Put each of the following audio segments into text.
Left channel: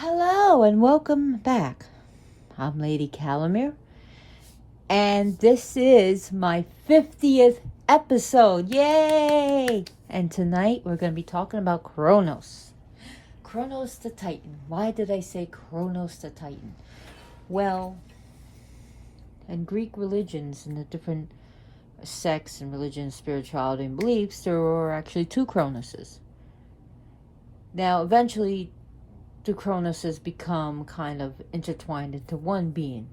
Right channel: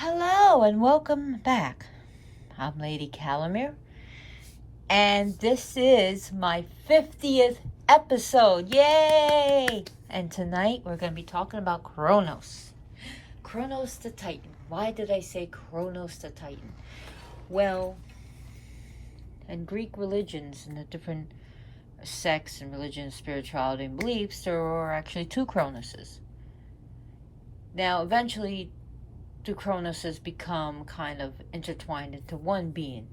Hello and welcome back. I'm Lady Calamere, and this is my 50th episode. Yay! And tonight we're going to be talking about Cronus. Cronus the Titan. Why did I say Cronus the Titan? Well, in Greek religions and the different sects and religions, spirituality, and beliefs, there were actually two Cronuses. Now, eventually, the Cronuses become kind of intertwined into one being.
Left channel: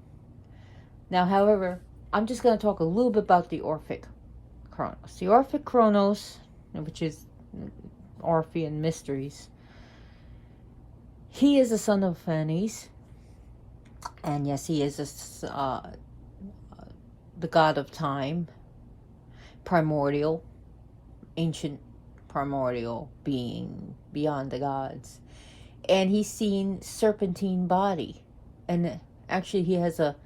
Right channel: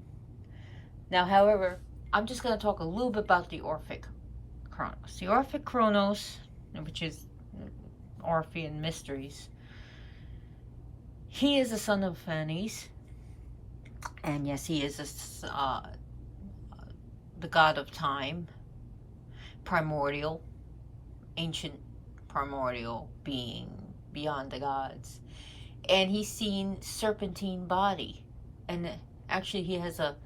Now, however, I'm just going to talk a little bit about the Orphic Cronus. The Orphic Cronus, which is Orphean Mysteries, he is the son of Phanes, and yes, he is the god of time, primordial, ancient primordial being beyond the gods. And he's seen serpentine body, and actually he has a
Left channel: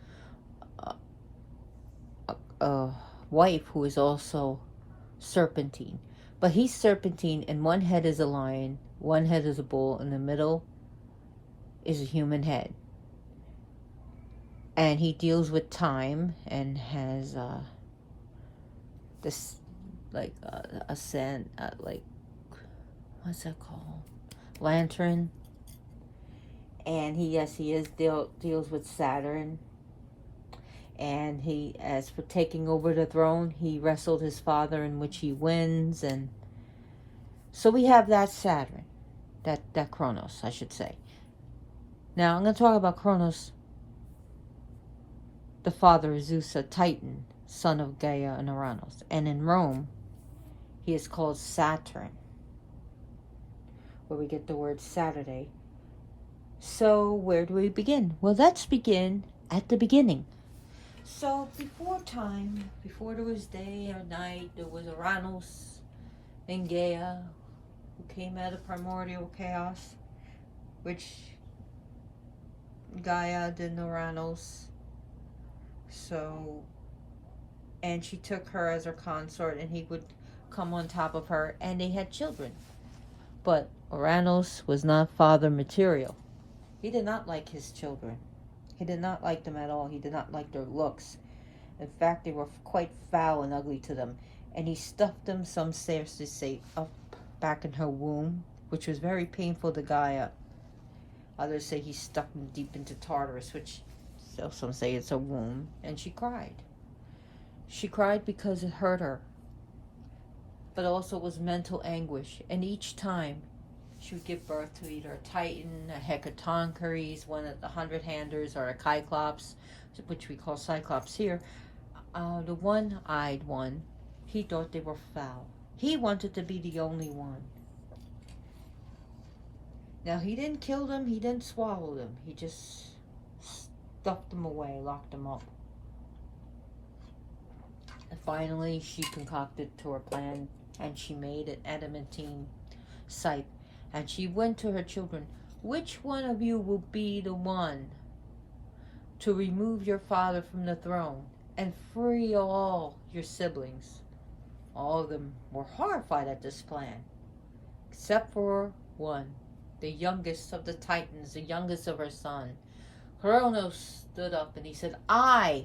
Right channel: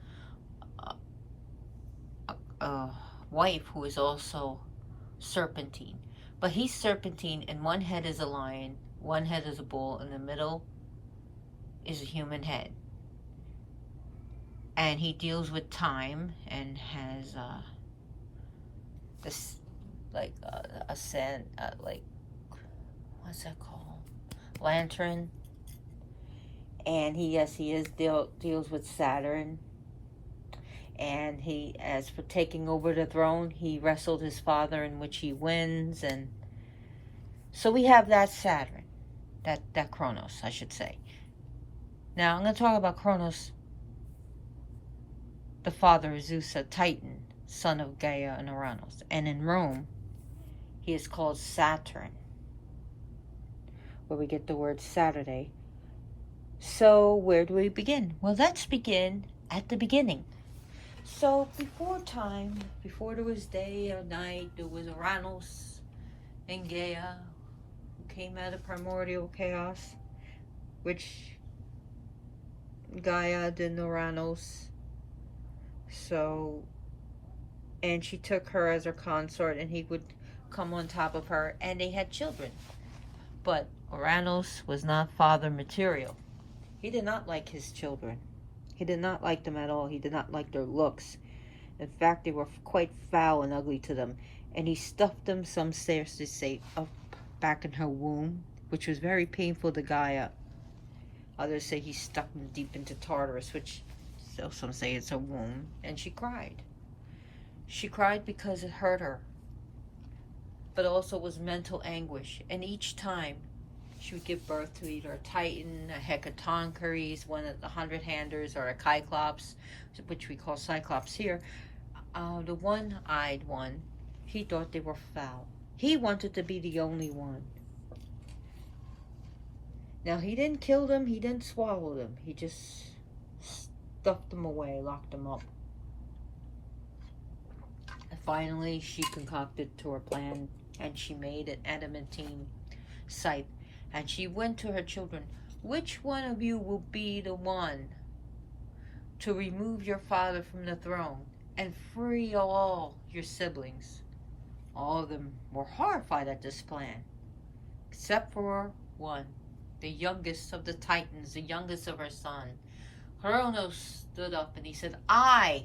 wife who is also serpentine, but he's serpentine, and one head is a lion, one head is a bull, in the middle is a human head, and he deals with time and has this like a sand like what's that called, lantern. And he deals with Saturn. And he, as for taking over the throne, he wrestled his father, in which he wins. And so we have that Saturn, that Cronus, I should say. Now I'm going to talk about Cronus, the father of Zeus, a Titan, son of Gaia and Uranus. And in Rome, he is called Saturn, where we get the word Saturday. So where do we begin? Well, let's begin at the beginning. So before time, before there was day or night, there was Uranus and Gaia, who came out of primordial chaos, which Gaia did Uranus. So, and she took her as her consort, and he would come on top of her, and they had children. But Uranus was not father material. He did not like his children. He did not like them at all. He did not like their looks. In fact, they were quite foul and ugly to them. And he stuffed them, some say, up back in her womb, which was very painful to Gaia. Others say he stuck them deep into Tartarus, which some say it's a womb. And she cried. She cried because it hurt her. But also was mental anguish. And each time, she would give birth to either a Titan, a Hecatoncheires, one of the 100-handers, or a Cyclops, which we call Cyclops here. The one-eyed one, he thought they were foul. He wanted to be the only one. Now, he didn't kill them, he didn't swallow them. He just stuffed them away, locked them up. And finally, she concocted to her plan, and she made an adamantine scythe. And she went to her children, which one of you will be the one to remove your father from the throne and free all your siblings? All of them were horrified at this plan, except for one, the youngest of the Titans, the youngest of her son. Cronus stood up and he said, I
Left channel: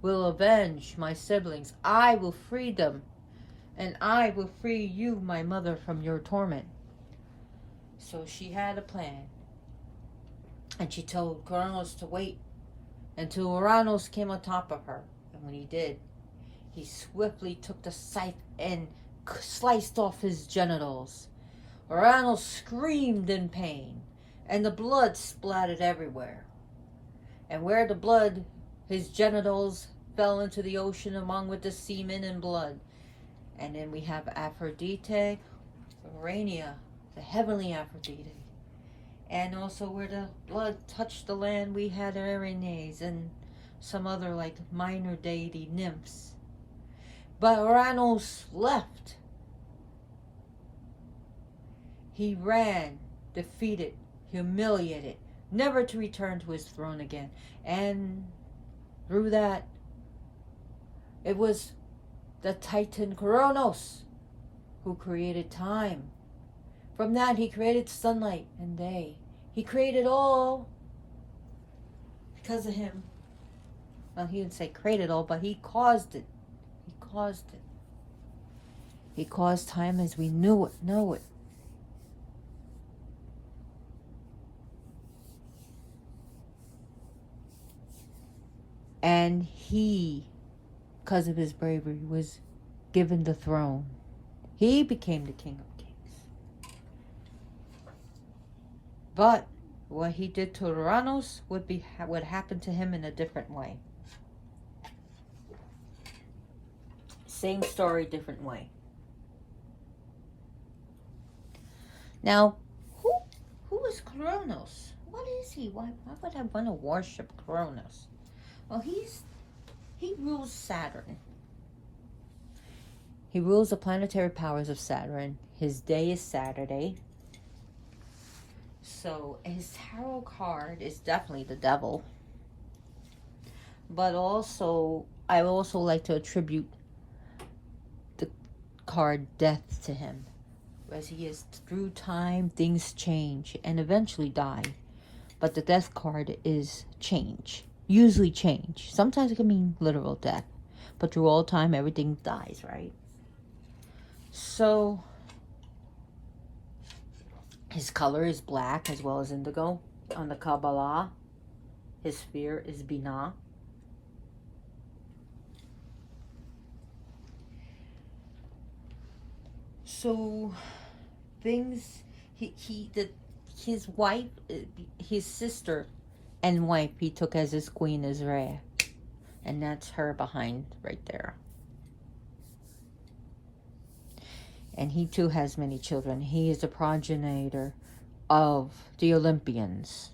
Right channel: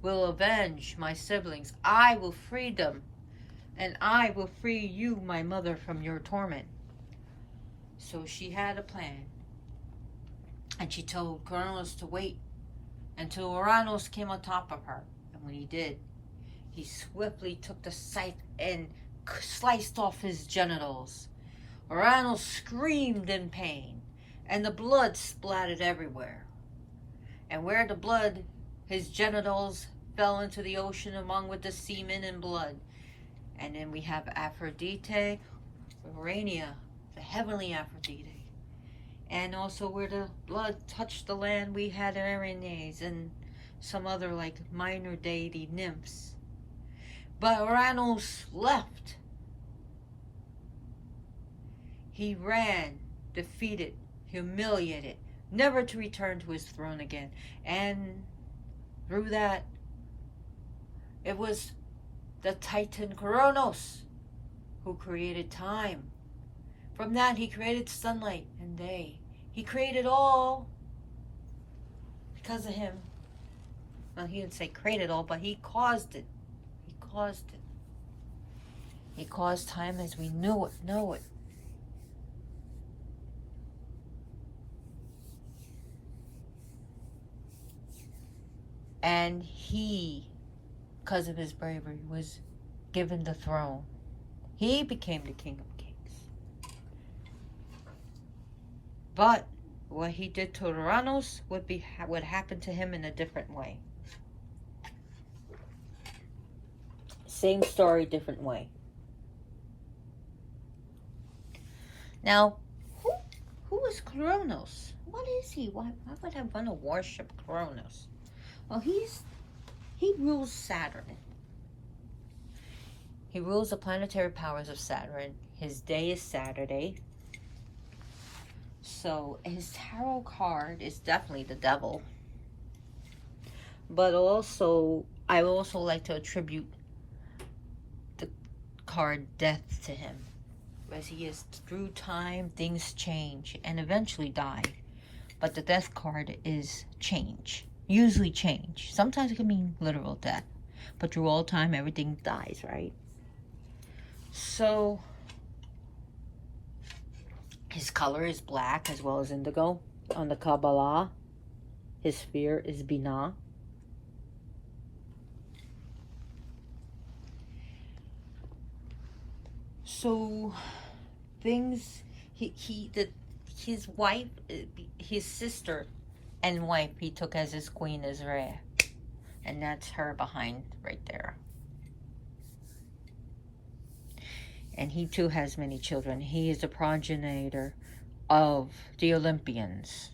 will avenge my siblings. I will free them, and I will free you, my mother, from your torment. So she had a plan, and she told Cronus to wait until Uranus came on top of her. And when he did, he swiftly took the scythe and sliced off his genitals. Uranus screamed in pain, and the blood splattered everywhere. And where the blood, his genitals fell into the ocean along with the semen and blood. And then we have Aphrodite, Urania, the heavenly Aphrodite. And also where the blood touched the land, we had Erinyes and some other like minor deity nymphs. But Uranus left. He ran, defeated, humiliated, never to return to his throne again. And through that, it was the Titan Cronus who created time. From that, he created sunlight and day. He created all because of him. Well, he didn't say created all, but he caused it. He caused it. He caused time as we know it. And he, because of his bravery, was given the throne. He became the King of Kings. But what he did to Cronus would happen to him in a different way. Same story, different way. Now, who is Cronus? What is he? Why would I want to worship Cronus? Well, he rules Saturn. He rules the planetary powers of Saturn. His day is Saturday. So his tarot card is definitely the devil. But also, I also like to attribute the card death to him. As he is through time, things change and eventually die. But the death card is change. Usually change. Sometimes it can mean literal death. But through all time, everything dies, right? So, his color is black as well as indigo. On the Kabbalah, his sphere is Binah. So, his wife, his sister and wife, he took as his queen is Re. And that's her behind right there. And he too has many children. He is a progenitor of the Olympians.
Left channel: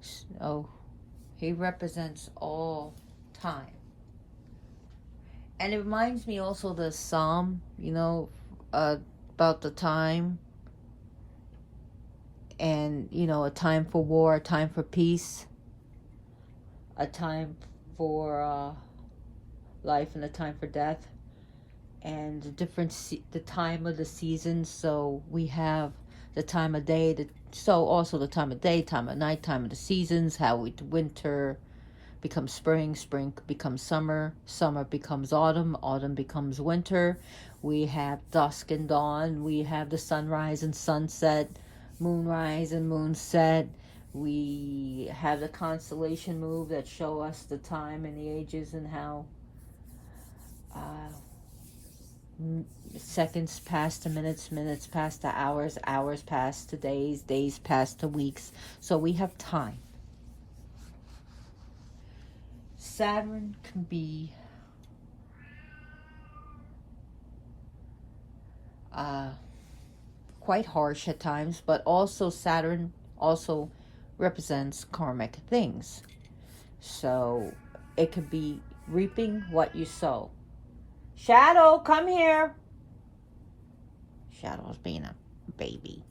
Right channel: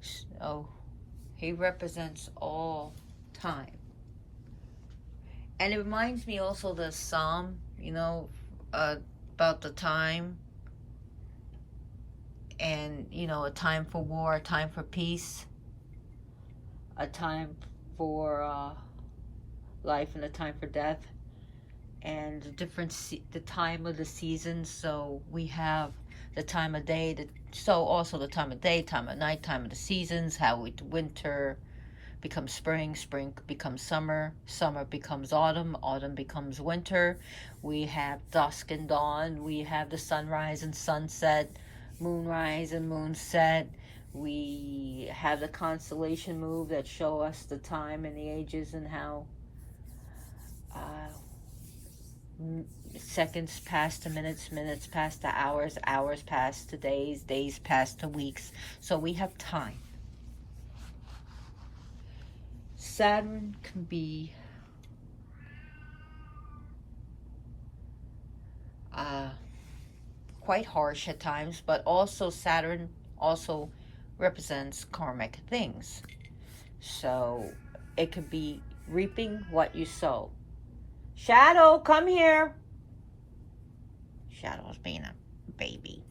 So he represents all time. And it reminds me also the Psalm, about the time. And, a time for war, a time for peace. A time for life and a time for death. And the time of the seasons. So we have the time of day, so also the time of day, time of night, time of the seasons, how winter becomes spring, spring becomes summer, summer becomes autumn, autumn becomes winter. We have dusk and dawn, we have the sunrise and sunset, moonrise and moonset. We have the constellation move that show us the time and the ages and how seconds pass to minutes, minutes pass to hours, hours pass to days, days pass to weeks. So we have time. Saturn can be quite harsh at times, but also Saturn also represents karmic things. So it could be reaping what you sow. Shadow, come here. Shadow's being a baby.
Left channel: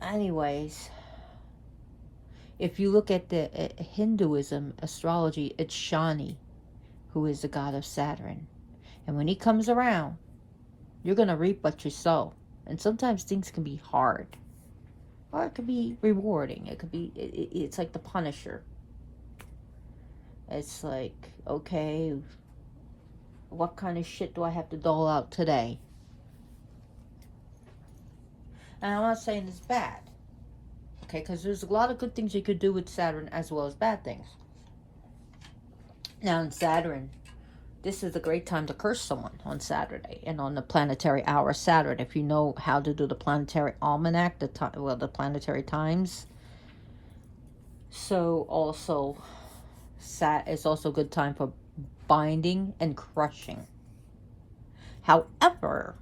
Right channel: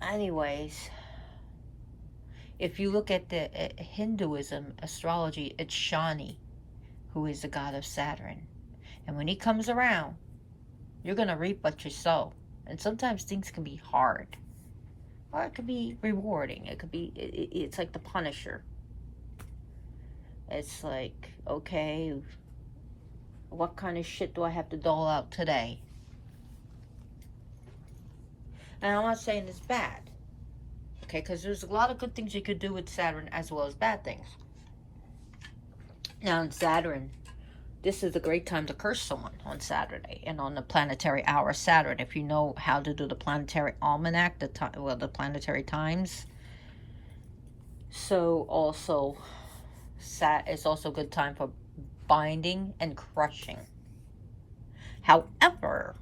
Anyways, if you look at the Hinduism astrology, it's Shani, who is the god of Saturn. And when he comes around, you're going to reap what you sow. And sometimes things can be hard. Or it could be rewarding. It could be, it's like the Punisher. It's like, okay, what kind of shit do I have to dole out today? And I'm not saying it's bad. Okay, because there's a lot of good things you could do with Saturn as well as bad things. Now in Saturn, this is a great time to curse someone on Saturday and on the planetary hour Saturn. If you know how to do the planetary almanac, the planetary times. So also, it's also a good time for binding and crushing. However,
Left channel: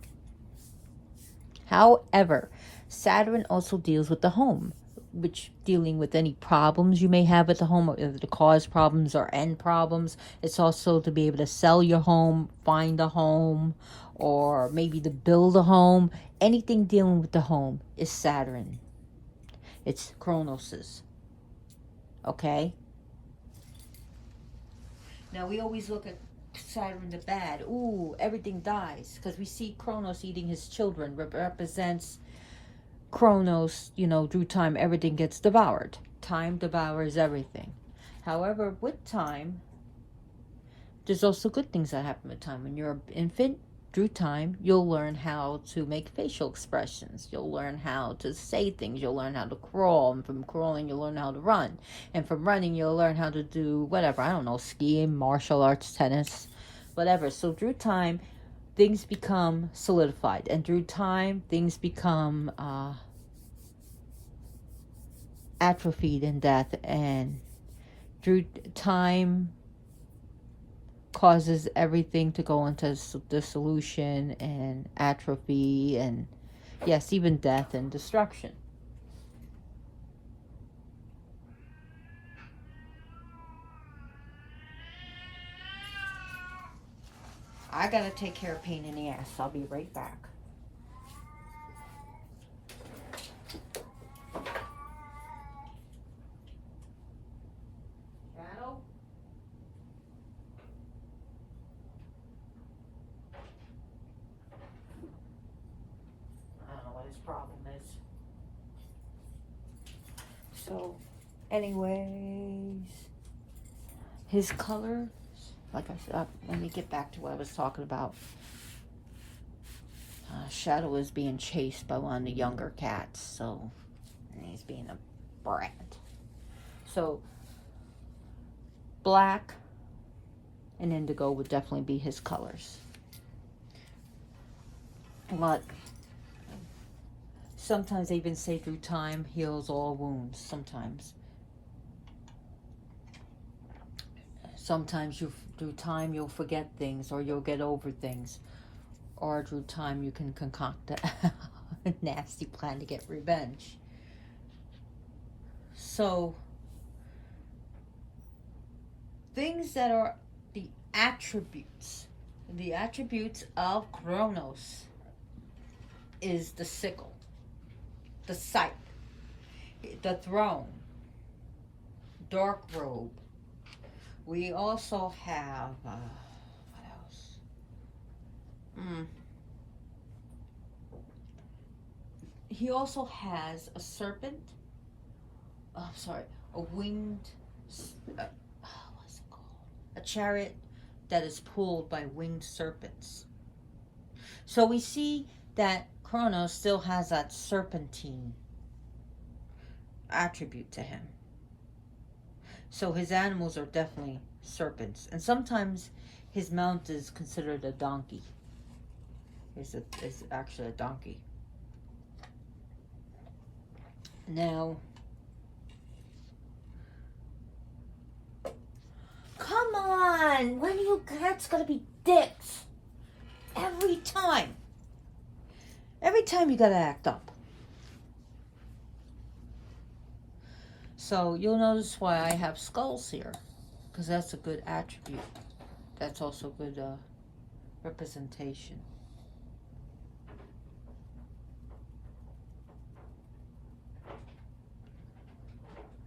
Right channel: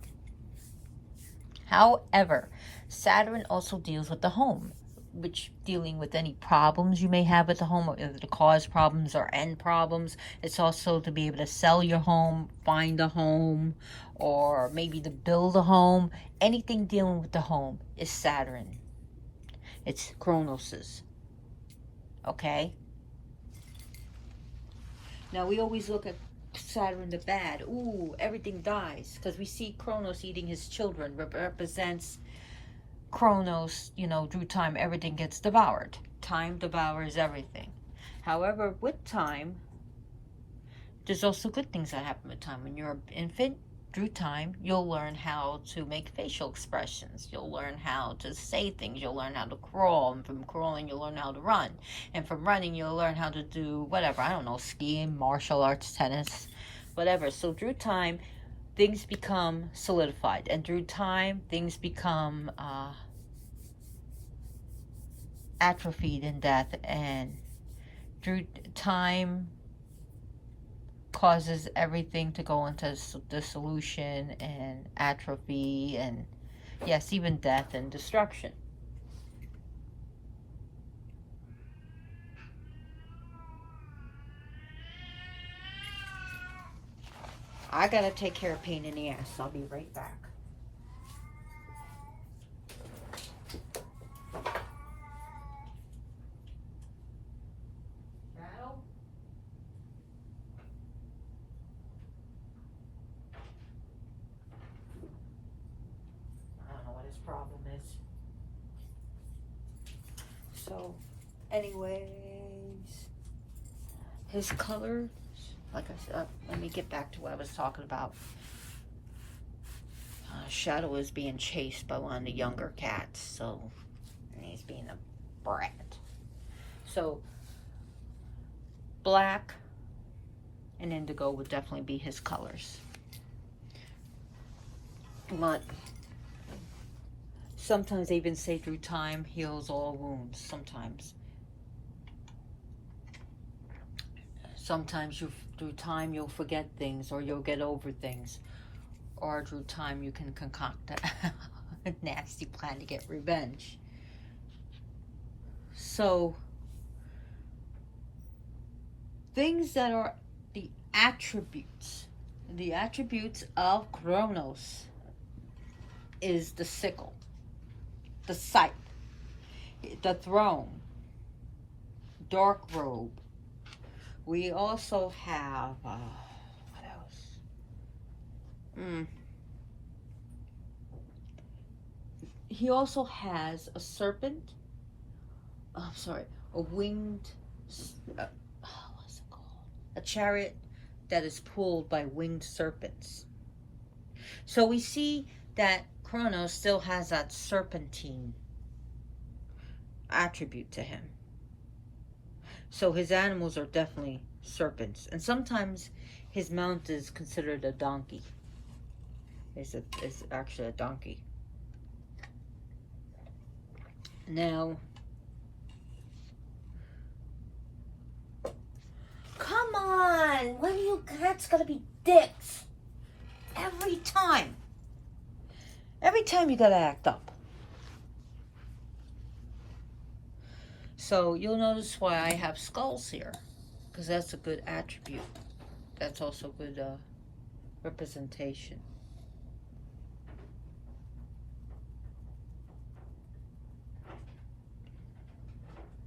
Saturn also deals with the home, which dealing with any problems you may have at the home, either to cause problems or end problems. It's also to be able to sell your home, find a home, or maybe to build a home. Anything dealing with the home is Saturn. It's Cronus's. Okay? Now we always look at Saturn the bad. Ooh, everything dies. Because we see Cronus eating his children. Represents Cronus, through time, everything gets devoured. Time devours everything. However, with time, there's also good things that happen with time. When you're an infant, through time, you'll learn how to make facial expressions. You'll learn how to say things. You'll learn how to crawl. And from crawling, you'll learn how to run. And from running, you'll learn how to do whatever. I don't know, skiing, martial arts, tennis, whatever. So through time, things become solidified. And through time, things become atrophied in death. And through time causes everything to go into dissolution and atrophy and, yes, even death and destruction. I gotta take care of pain in the ass. I'll be right back. Problem is. So, anyways, his color, like I said, let me get back to what I was talking about. Shadow is being chased by one of the younger cats, so he's being a brat. So, black and indigo would definitely be his colors. But sometimes they even say through time heals all wounds. Sometimes through time you'll forget things, or you'll get over things, or through time you can concoct a nasty plan to get revenge. So things that are the attributes of Cronus is the sickle, the scythe, the throne, dark robe. We also have, what else? He also has a serpent. A winged, what's it called? A chariot that is pulled by winged serpents. So we see that Cronus still has that serpentine attribute to him. So his animals are definitely serpents. And sometimes his mount is considered a donkey. It's actually a donkey. Now, come on! When are you cats gonna be dicks? Every time. Every time you gotta act up. So you'll notice why I have skulls here, because that's a good attribute. That's also good representation.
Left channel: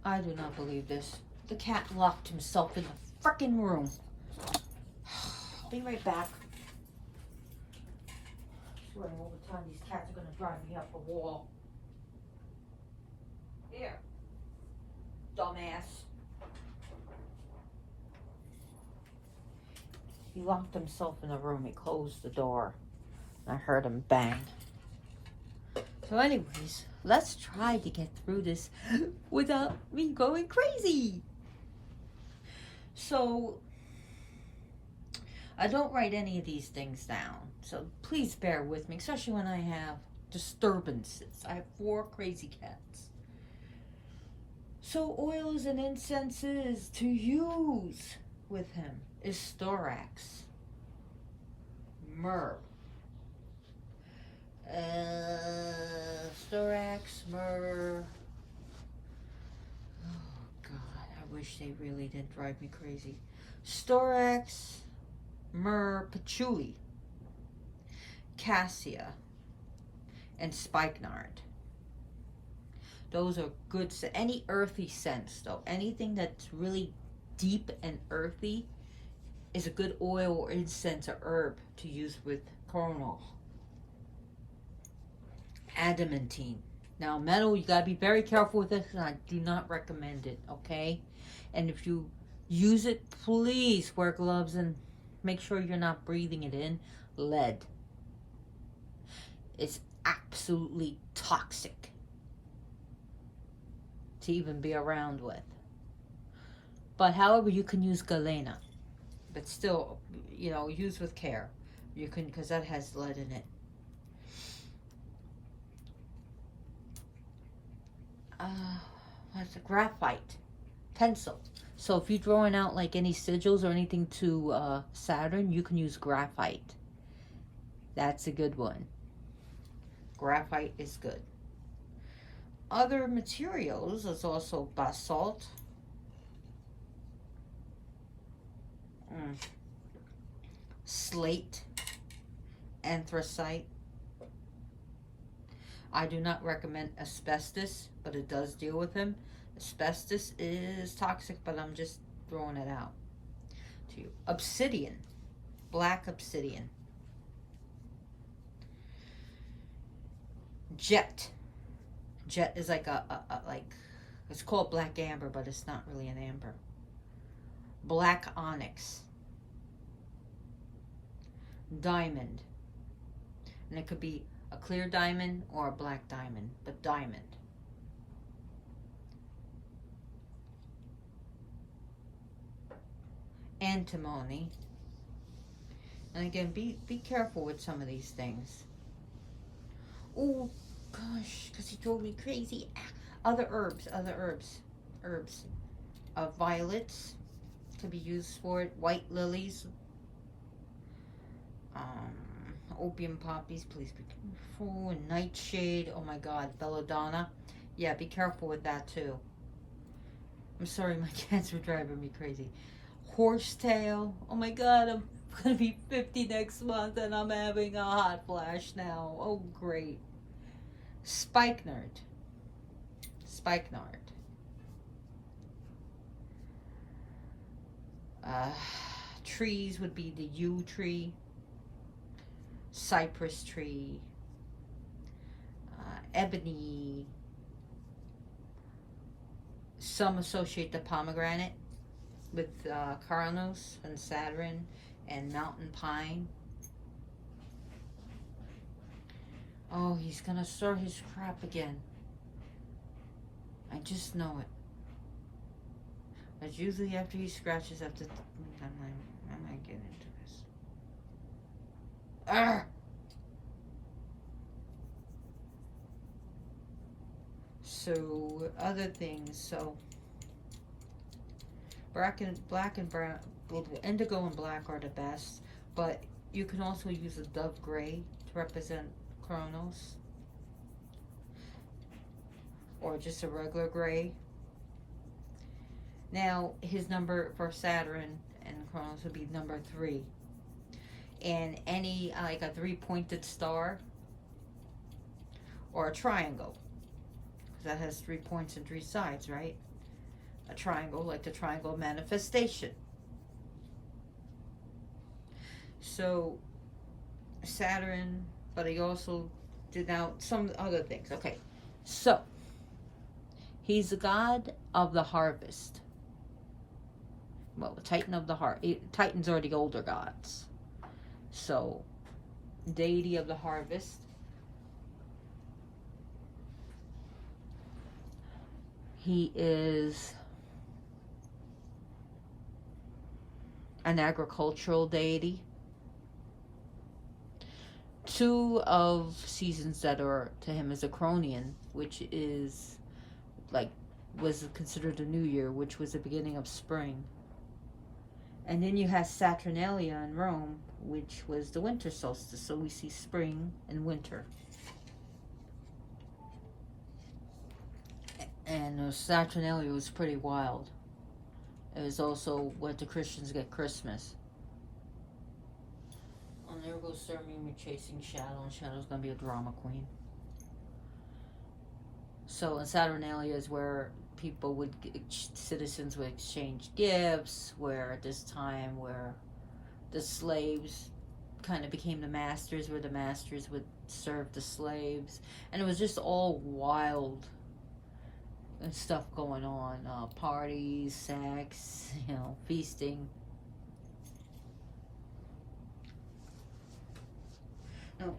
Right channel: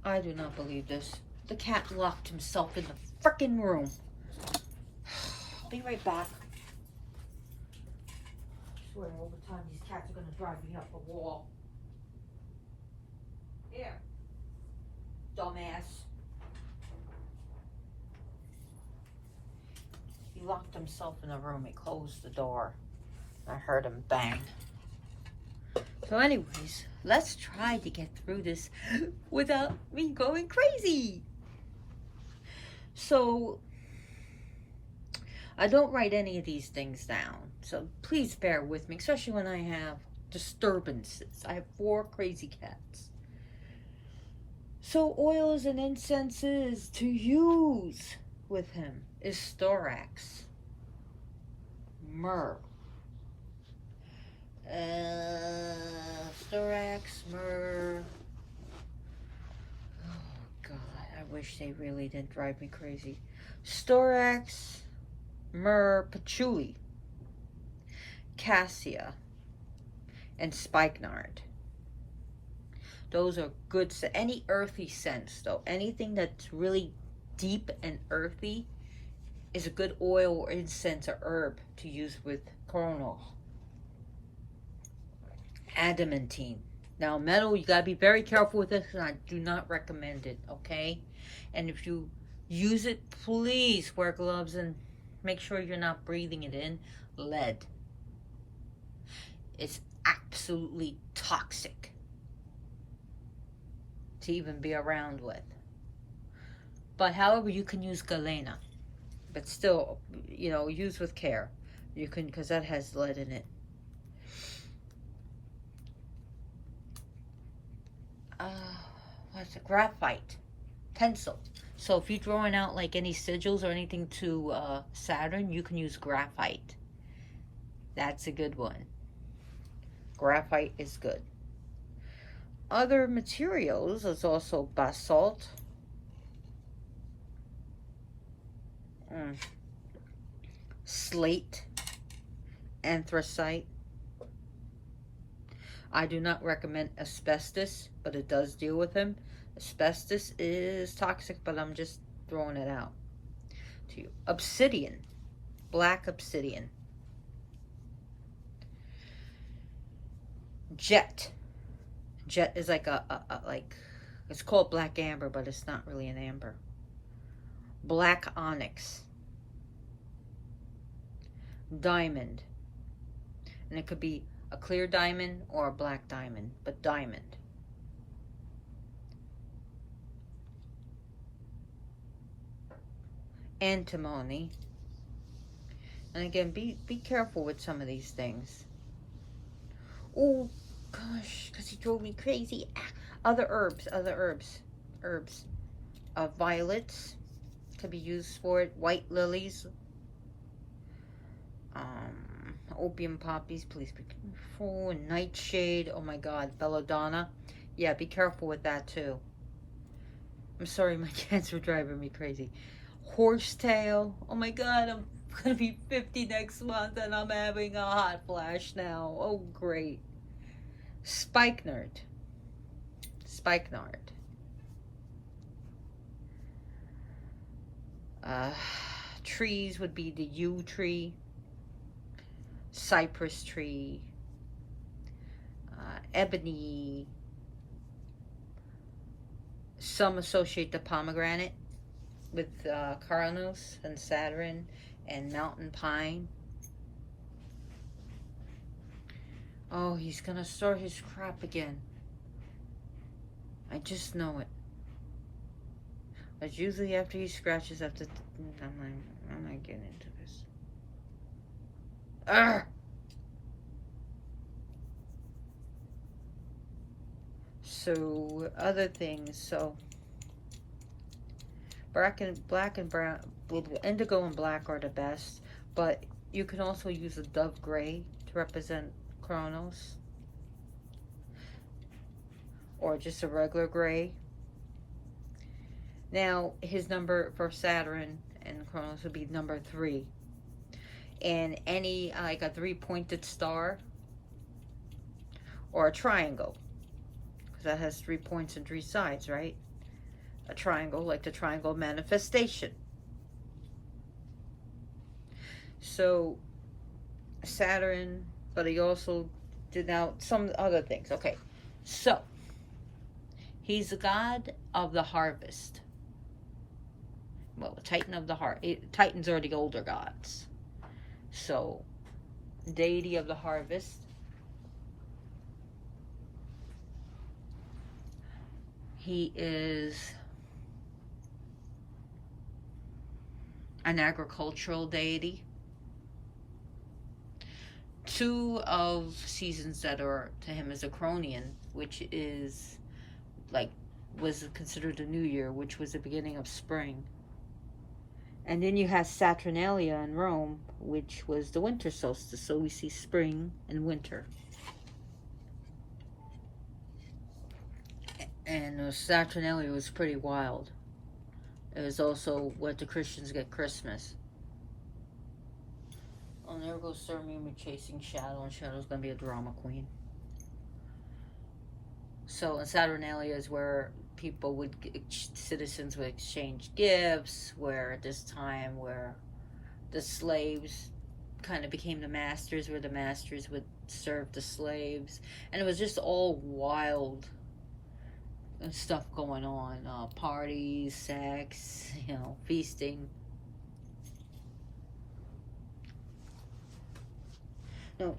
I do not believe this. The cat locked himself in the frickin' room. I'll be right back. I swear all the time these cats are gonna drive me up a wall. Here. Dumbass. He locked himself in a room. He closed the door. I heard him bang. So anyways, let's try to get through this without me going crazy. So, I don't write any of these things down. So please bear with me, especially when I have disturbances. I have 4 crazy cats. So oils and incenses to use with him is storax, myrrh, storax, myrrh. Oh God, I wish they really didn't drive me crazy. Storax, myrrh, patchouli, cassia, and spikenard. Those are good. Any earthy scents, though, anything that's really deep and earthy is a good oil or incense or herb to use with Cronus. Adamantine. Now, metal, you gotta be very careful with this, and I do not recommend it, okay? And if you use it, please wear gloves and make sure you're not breathing it in. Lead. It's absolutely toxic to even be around with. But however, you can use galena, but still, use with care. You can, because that has lead in it. What's the graphite? Pencil. So if you're throwing out like any sigils or anything to Saturn, you can use graphite. That's a good one. Graphite is good. Other materials is also basalt. Slate. Anthracite. I do not recommend asbestos, but it does deal with them. Asbestos is toxic, but I'm just throwing it out to you. Obsidian. Black obsidian. Jet. Jet is like like, it's called black amber, but it's not really an amber. Black onyx. Diamond. And it could be a clear diamond or a black diamond, but diamond. Antimony. And again, be careful with some of these things. Oh gosh, because he drove me crazy. Other herbs. Violets can be used for it. White lilies. Opium poppies, please be careful. And nightshade, oh my god, belladonna. Yeah, be careful with that too. I'm sorry, my cats were driving me crazy. Horsetail, oh my god, I'm gonna be 50 next month and I'm having a hot flash now. Oh great. Spikenard. Trees would be the yew tree, cypress tree, ebony. Some associate the pomegranate with Cronus and Saturn and mountain pine. Oh, he's gonna start his crap again. I just know it. But usually after he scratches up the... I'm not getting into this. Arrgh! So, other things. So, black and brown, indigo and black are the best. But you can also use a dove gray to represent Cronus. Or just a regular gray. Now, his number for Saturn and Cronus would be number 3. And any, like a 3-pointed star or a triangle, because that has 3 points and 3 sides, right? A triangle, like the triangle manifestation. So, Saturn, but he also did out some other things. Okay, so, he's the god of the harvest. Well, the Titan of the heart. Titans are the older gods. So, deity of the harvest. He is an agricultural deity. 2 of seasons that are to him is a Cronian, which is was considered a new year, which was the beginning of spring. And then you have Saturnalia in Rome, which was the winter solstice. So we see spring and winter. And Saturnalia was pretty wild. It was also what the Christians get Christmas. Oh, there goes Sir Mimi chasing Shadow, and Shadow's going to be a drama queen. So in Saturnalia is where citizens would exchange gifts, where at this time where the slaves kind of became the masters, where the masters would serve the slaves, and it was just all wild and stuff going on, parties, sex, feasting. No.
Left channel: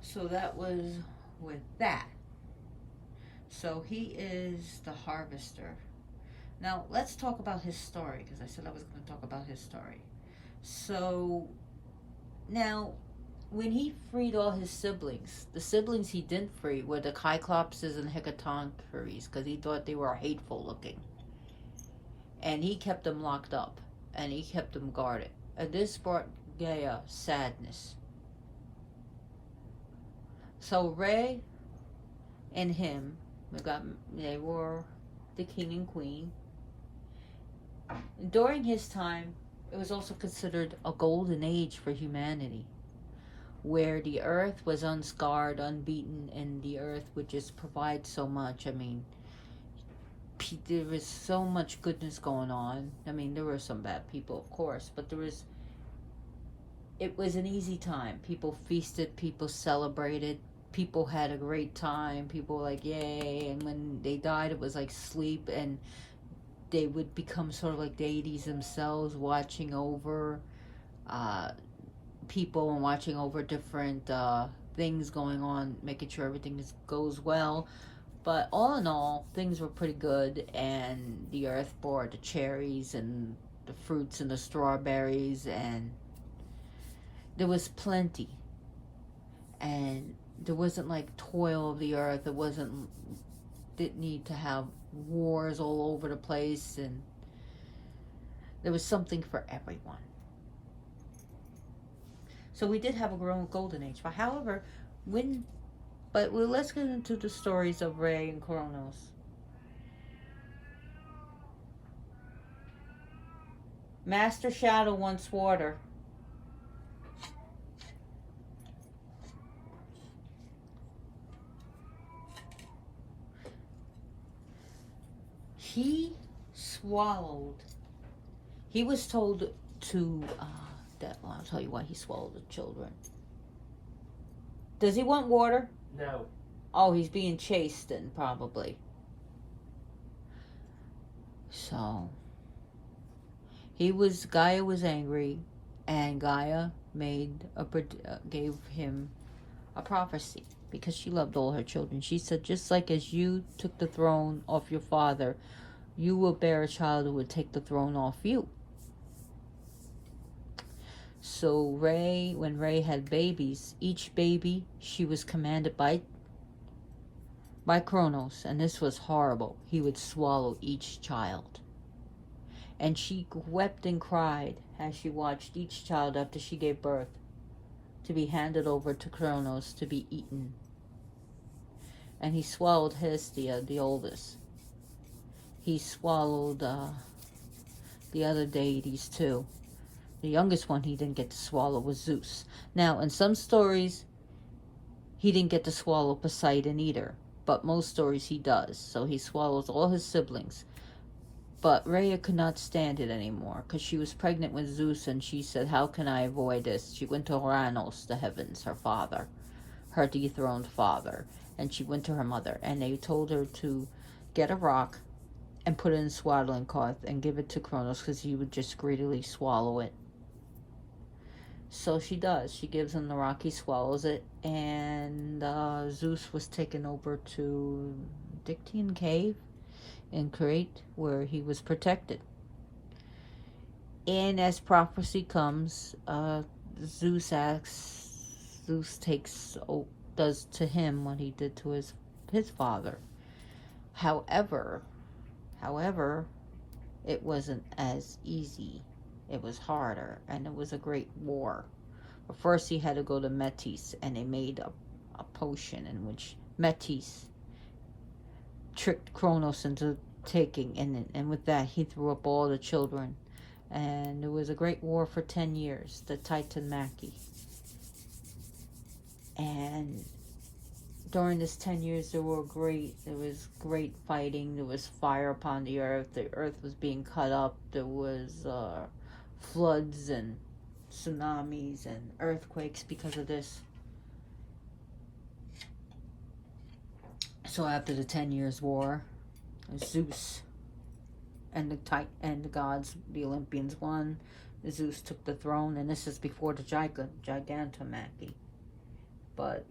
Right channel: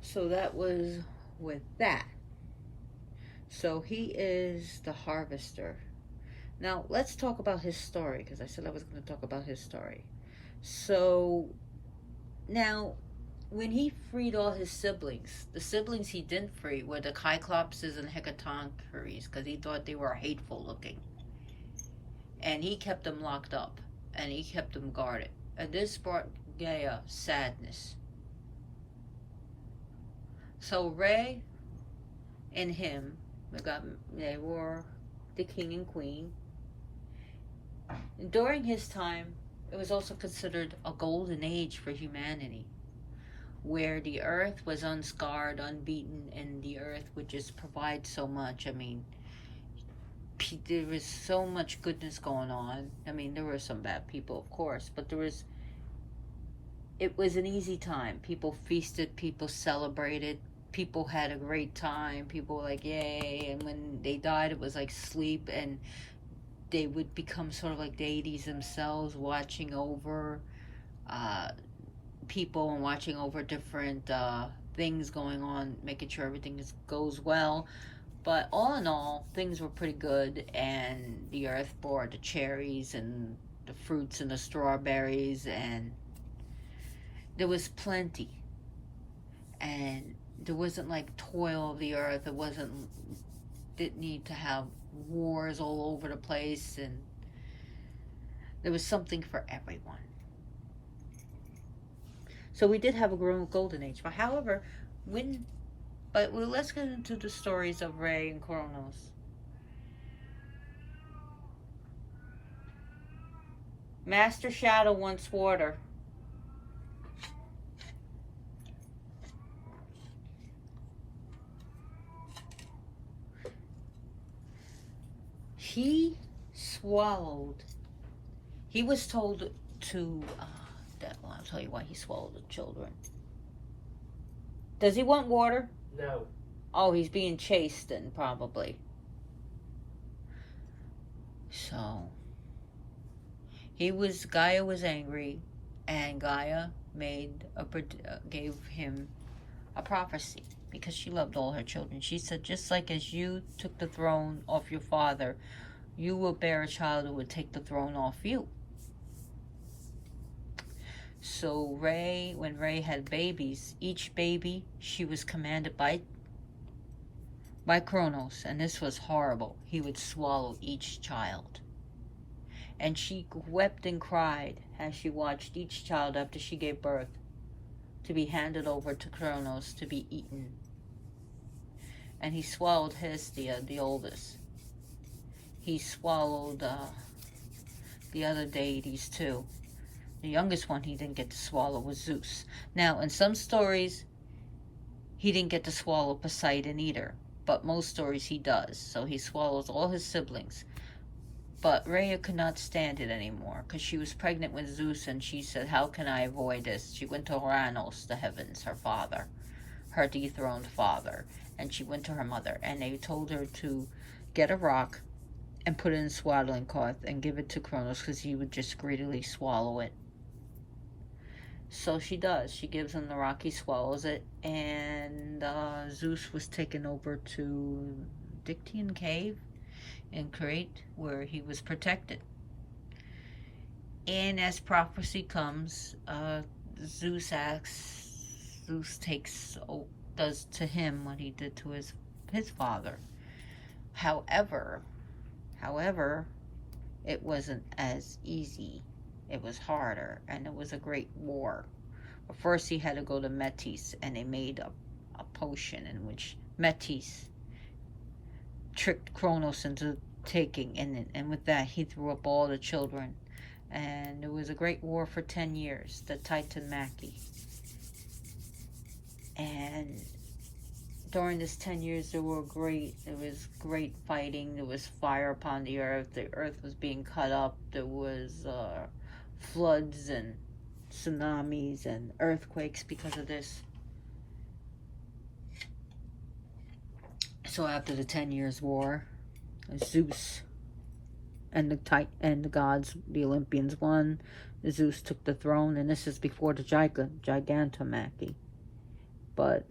So that was with that. So he is the harvester. Now let's talk about his story, because I said I was going to talk about his story. So now, when he freed all his siblings, the siblings he didn't free were the Cyclopses and Hecatoncheires, because he thought they were hateful looking. And he kept them locked up, and he kept them guarded. And this brought Gaia sadness. So Ray and him, they were the king and queen. And during his time, it was also considered a golden age for humanity, where the earth was unscarred, unbeaten, and the earth would just provide so much. I mean, there was so much goodness going on. I mean, there were some bad people, of course, but it was an easy time. People feasted, people celebrated, people had a great time, people were like, yay, and when they died, it was like sleep, and they would become sort of like deities themselves, watching over people and watching over different things going on, making sure everything goes well. But all in all, things were pretty good, and the earth bore the cherries and the fruits and the strawberries, and there was plenty. And there wasn't like toil of the earth. Didn't need to have wars all over the place, and there was something for everyone. So we did have a golden age. But however, let's get into the stories of Ray and Cronus. Master Shadow wants water. He swallowed. He was told to. I'll tell you why he swallowed the children. Does he want water? No. Oh, he's being chased then, probably. So Gaia was angry, and Gaia gave him a prophecy, because she loved all her children. She said, just like as you took the throne off your father, you will bear a child who will take the throne off you. So when Ray had babies, each baby she was commanded by Cronus, and this was horrible. He would swallow each child. And she wept and cried as she watched each child after she gave birth to be handed over to Cronus to be eaten. And he swallowed Hestia, the oldest. He swallowed the other deities too. The youngest one he didn't get to swallow was Zeus. Now, in some stories, he didn't get to swallow Poseidon either, but most stories he does. So he swallows all his siblings. But Rhea could not stand it anymore, because she was pregnant with Zeus, and she said, how can I avoid this? She went to Cronus, the heavens, her father, her dethroned father, and she went to her mother, and they told her to get a rock and put it in a swaddling cloth and give it to Cronus, because he would just greedily swallow it. So she does. She gives him the rock, he swallows it, and Zeus was taken over to Dictian Cave in Crete, where he was protected. And as prophecy comes, Zeus does to him what he did to his father. However, it wasn't as easy. It was harder, and it was a great war. But first he had to go to Metis, and they made a potion in which Metis tricked Cronus into taking, and with that he threw up all the children. And there was a great war for 10 years, the Titanmachy. And during this 10 years, there was great fighting. There was fire upon the earth was being cut up. There was floods and tsunamis and earthquakes because of this. So after the 10 years war, Zeus and the gods, the Olympians, won. Zeus took the throne, and this is before the Gigantomachy. But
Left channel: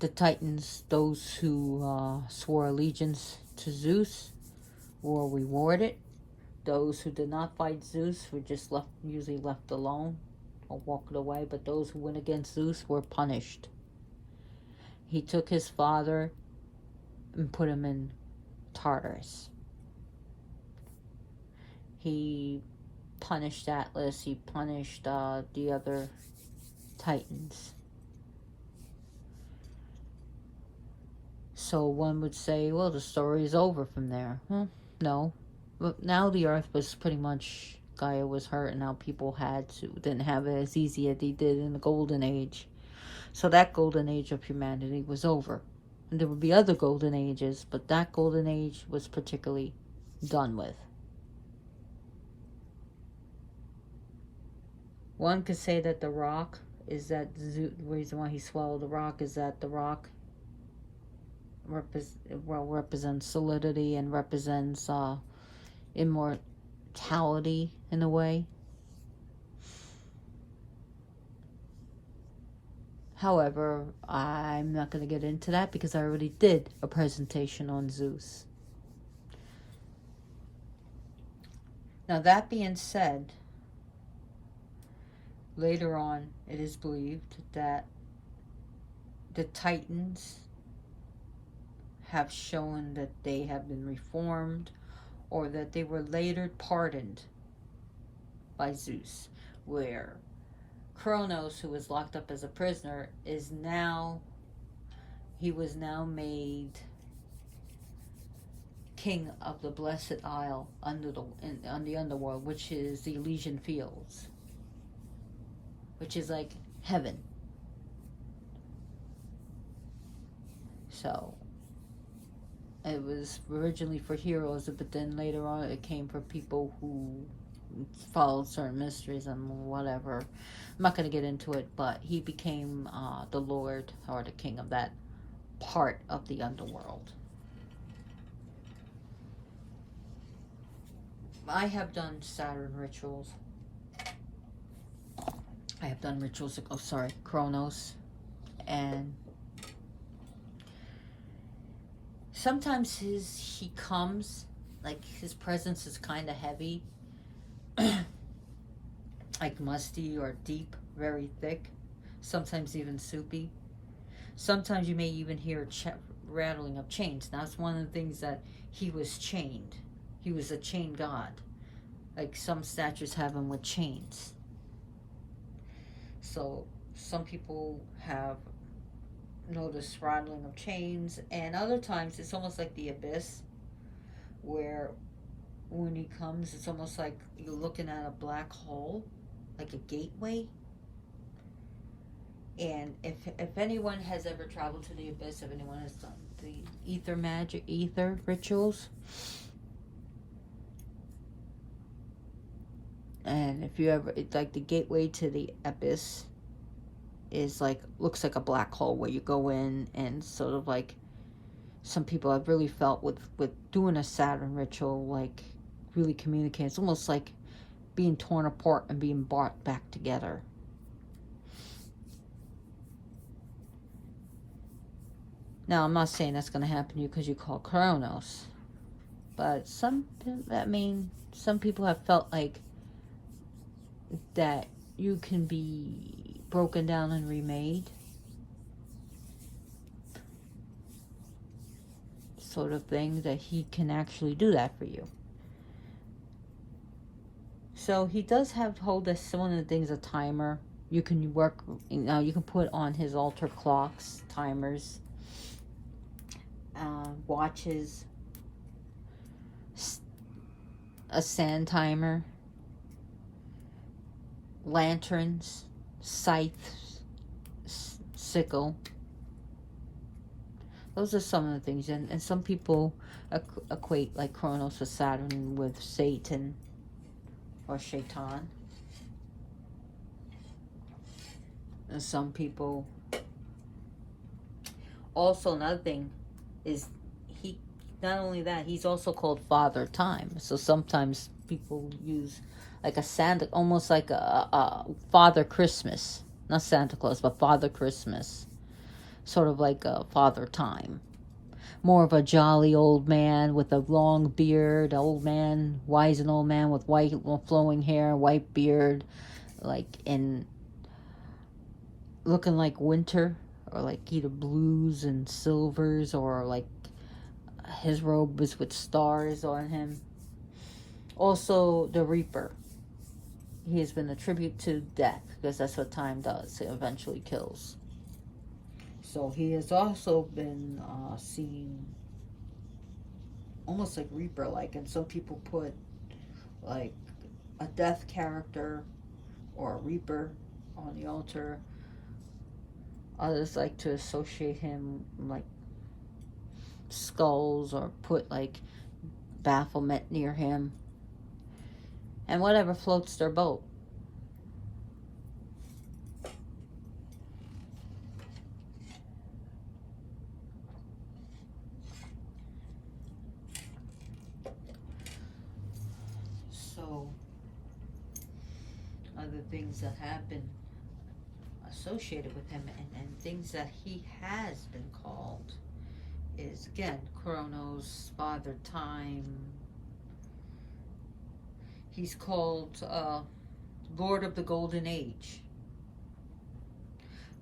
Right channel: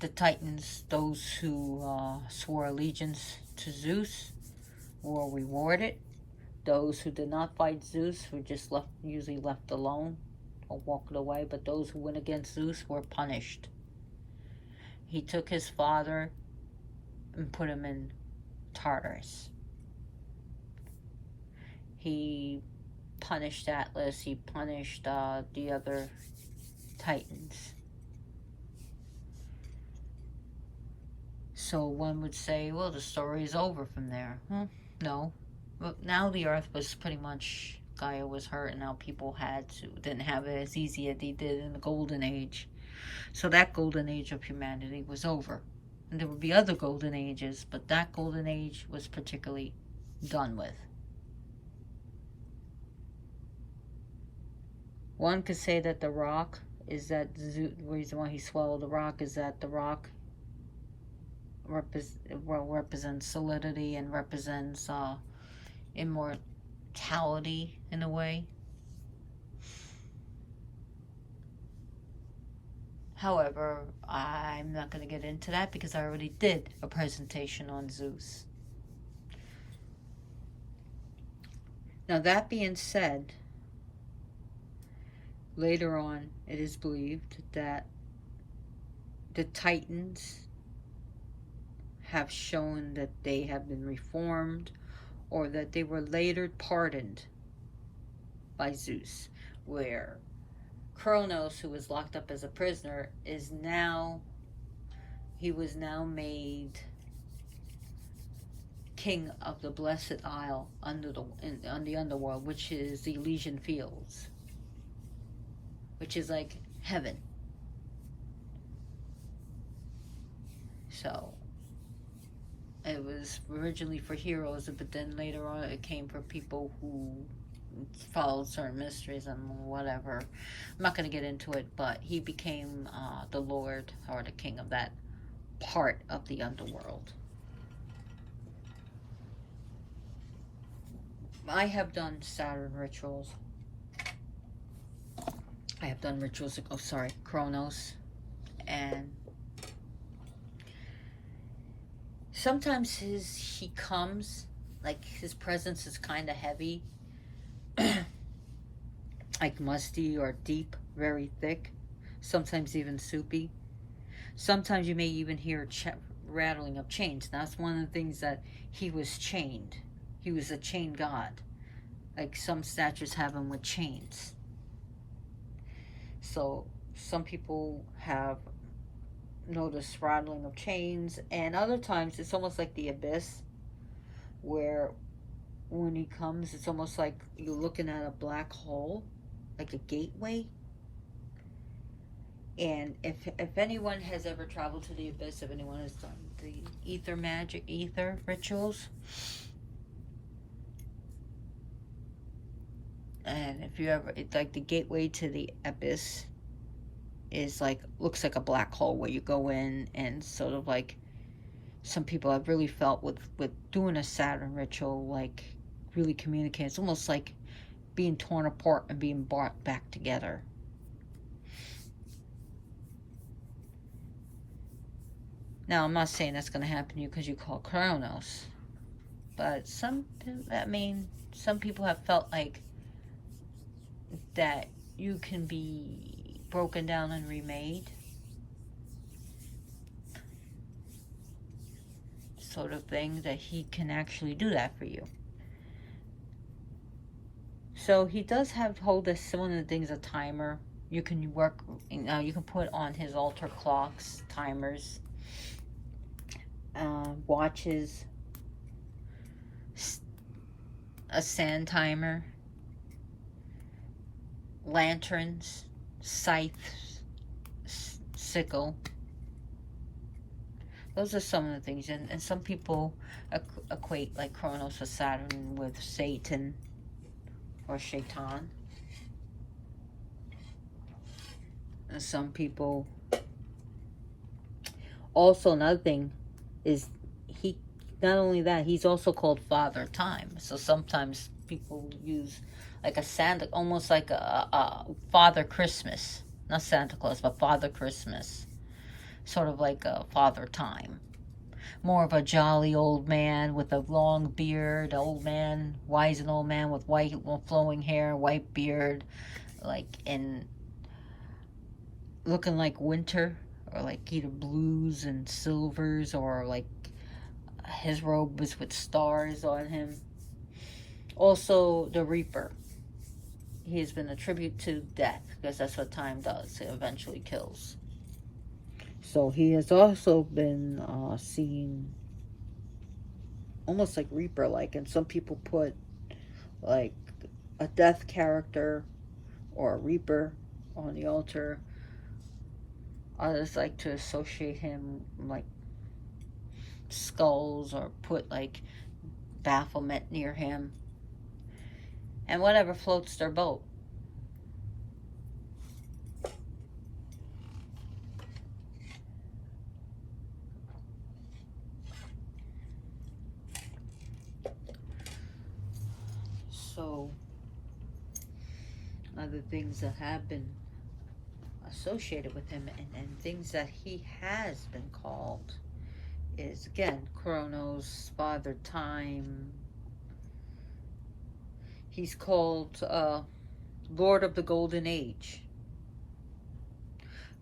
the Titans, those who swore allegiance to Zeus, were rewarded. Those who did not fight Zeus were just usually left alone or walked away. But those who went against Zeus were punished. He took his father and put him in Tartarus. He punished Atlas. He punished the other Titans. So one would say, well, the story is over from there. No. But now the earth was pretty much, Gaia was hurt, and now people didn't have it as easy as they did in the golden age. So that golden age of humanity was over. And there would be other golden ages, but that golden age was particularly done with. One could say that the rock is the reason why he swallowed the rock is that the rock represents solidity and represents immortality in a way. However, I'm not going to get into that because I already did a presentation on Zeus. Now, that being said, later on, it is believed that the Titans have shown that they have been reformed, or that they were later pardoned by Zeus, where Cronus, who was locked up as a prisoner, was now made king of the Blessed Isle on the underworld, which is the Elysian Fields, which is like heaven. So it was originally for heroes, but then later on it came for people who followed certain mysteries and whatever. I'm not going to get into it, but he became the Lord or the king of that part of the underworld. I have done Saturn rituals. I have done rituals, Cronus, and sometimes he comes, like his presence is kind of heavy, like musty or deep, very thick, sometimes even soupy. Sometimes you may even hear rattling of chains. Now, that's one of the things that he was chained. He was a chained god. Like some statues have him with chains. So some people have noticed rattling of chains, and other times it's almost like the abyss, where when he comes, it's almost like you're looking at a black hole, like a gateway. And if anyone has ever traveled to the abyss, if anyone has done the ether rituals, and if you ever, it's like the gateway to the abyss is like, looks like a black hole where you go in, and sort of like some people have really felt with doing a Saturn ritual, like really communicate. It's almost like being torn apart and being brought back together. Now, I'm not saying that's going to happen to you because you call Cronus, but some people have felt like that you can be broken down and remade, sort of thing, that he can actually do that for you. So he does hold us, one of the things, a timer. You can you can put on his altar clocks, timers, watches, a sand timer, lanterns, scythes, sickle. Those are some of the things. And some people equate like Cronus with Saturn with Satan or Shaitan. And some people... Also, another thing is he... Not only that, he's also called Father Time. So sometimes people use like a Santa... Almost like a Father Christmas. Not Santa Claus, but Father Christmas. Sort of like a Father Time. More of a jolly old man with a long beard, old man, wise and old man with white flowing hair, white beard, like in looking like winter, or like either blues and silvers, or like his robe was with stars on him. Also, the Reaper. He has been a tribute to death, because that's what time does. It eventually kills. So he has also been seen almost like Reaper-like, and some people put like a death character or a Reaper on the altar. Others like to associate him like skulls, or put like bafflement near him, and whatever floats their boat. So, other things that have been associated with him, and things that he has been called, is again Cronus, Father Time. He's called Lord of the Golden Age,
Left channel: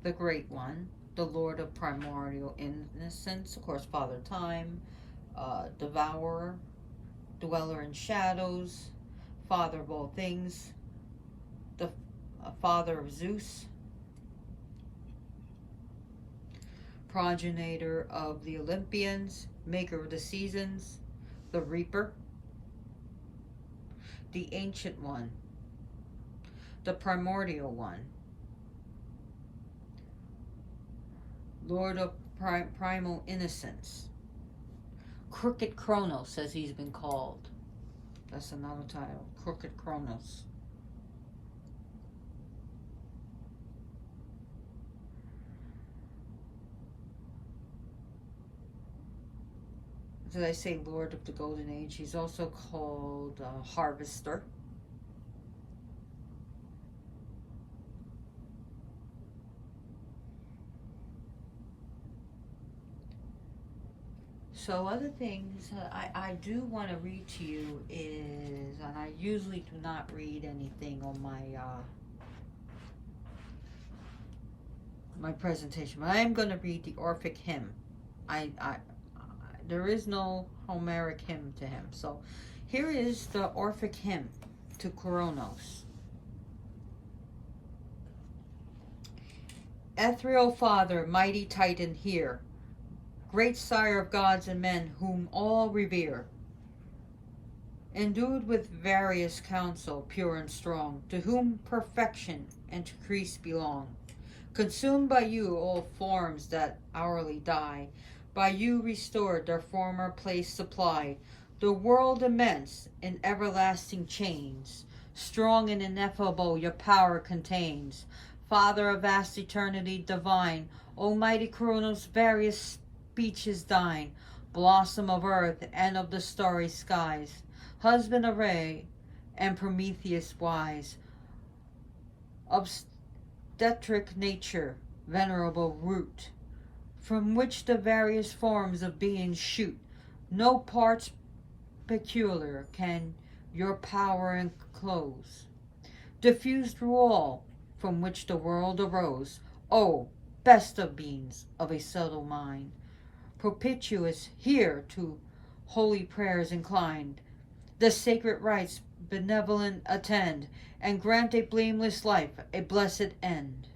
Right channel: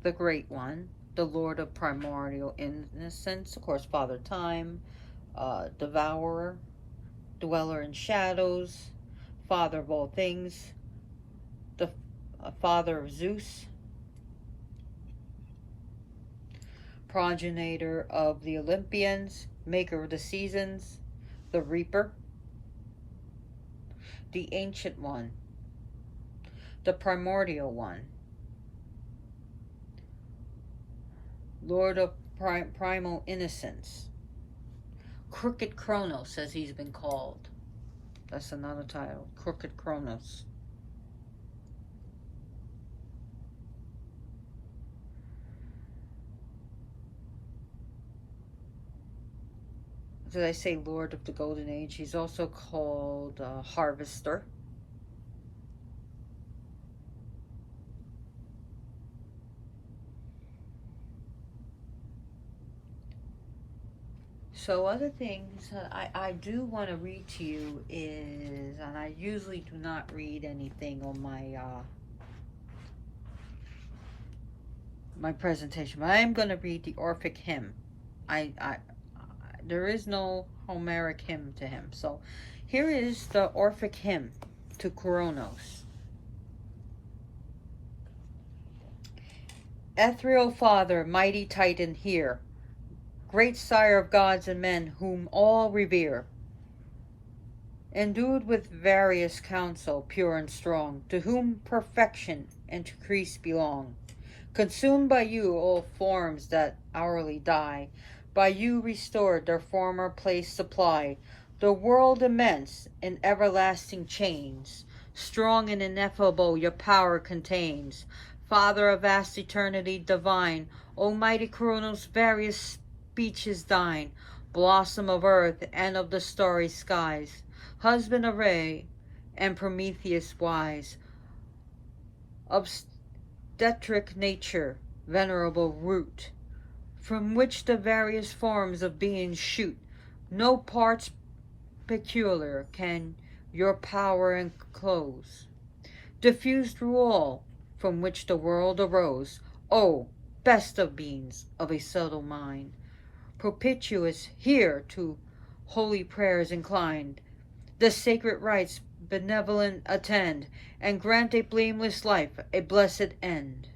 the Great One, the Lord of Primordial Innocence, of course, Father Time, Devourer, Dweller in Shadows, Father of all things, the Father of Zeus, Progenitor of the Olympians, Maker of the Seasons, the Reaper, the Ancient One, the Primordial One, Lord of Primal Innocence, Crooked Cronus, as he's been called. That's another title, Crooked Cronus. Did I say Lord of the Golden Age? He's also called Harvester. So other things I do want to read to you is, and I usually do not read anything on my presentation, but I am going to read the Orphic hymn. There is no Homeric hymn to him. So here is the Orphic hymn to Cronus. Ethereal Father, mighty Titan, hear, great sire of gods and men whom all revere, endued with various counsel, pure and strong, to whom perfection and increase belong. Consumed by you all forms that hourly die, by you restored their former place supply, the world immense in everlasting chains, strong and ineffable your power contains. Father of vast eternity divine, almighty Cronus, various speech is thine, blossom of earth and of the starry skies, husband of Ray and Prometheus wise, obstetric nature, venerable root, from which the various forms of being shoot, no parts peculiar can your power enclose, diffused through all, from which the world arose, O best of beings of a subtle mind, propitious here to holy prayers inclined, the sacred rites benevolent attend, and grant a blameless life, a blessed end.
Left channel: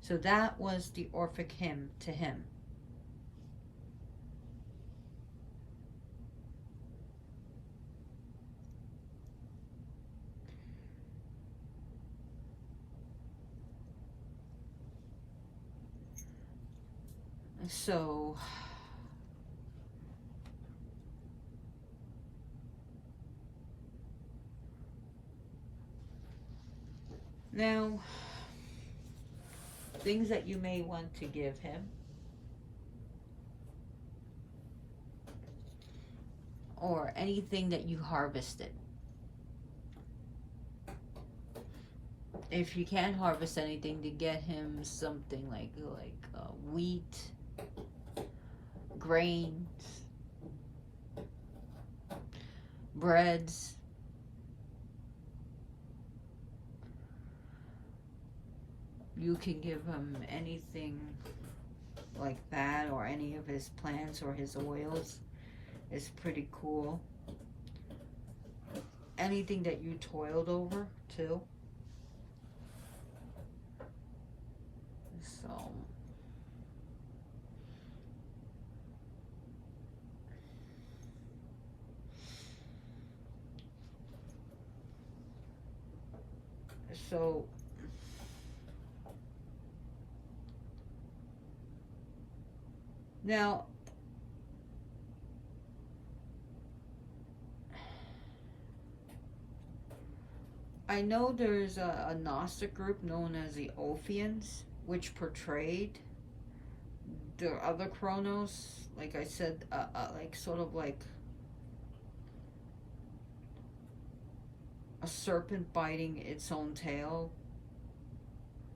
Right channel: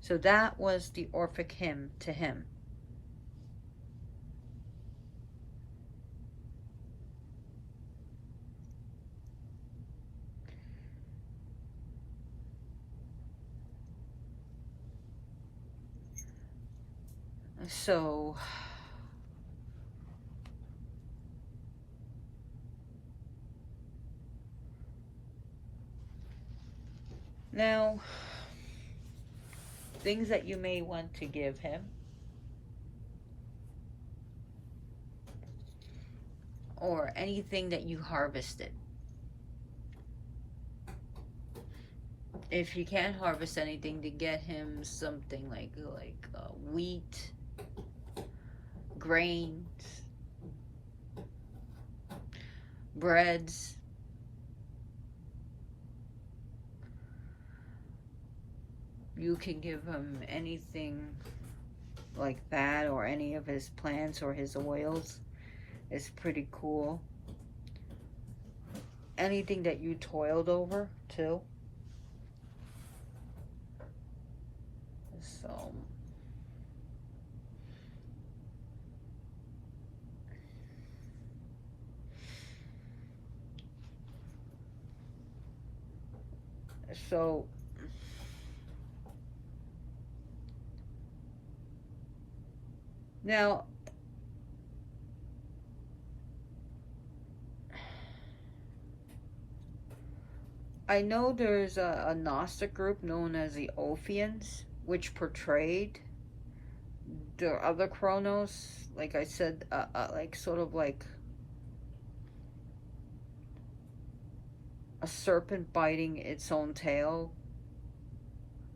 So that was the Orphic hymn to him. So now, things that you may want to give him, or anything that you harvested. If you can't harvest anything, to get him something like wheat, grains, breads. You can give him anything like that, or any of his plants or his oils. It's pretty cool. Anything that you toiled over too. So so now, I know there's a Gnostic group known as the Ophians, which portrayed the other Cronus, like I said, like sort of like a serpent biting its own tail,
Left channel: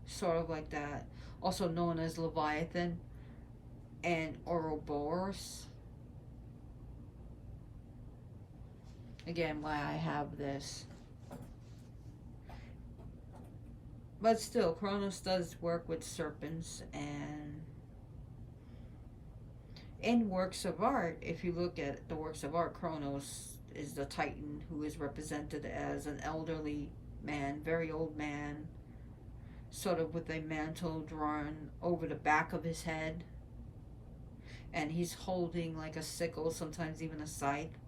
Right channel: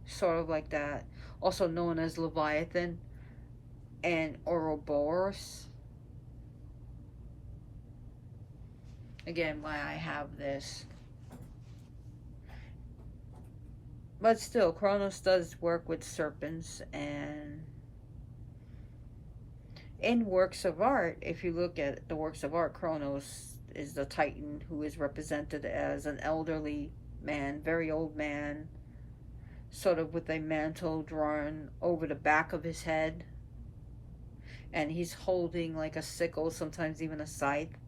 sort of like that. Also known as Leviathan and Ouroboros. Again, why I have this. But still, Cronus does work with serpents, and in works of art, if you look at the works of art, Cronus is the Titan who is represented as an elderly man, very old man, sort of with a mantle drawn over the back of his head, and he's holding like a sickle, sometimes even a scythe.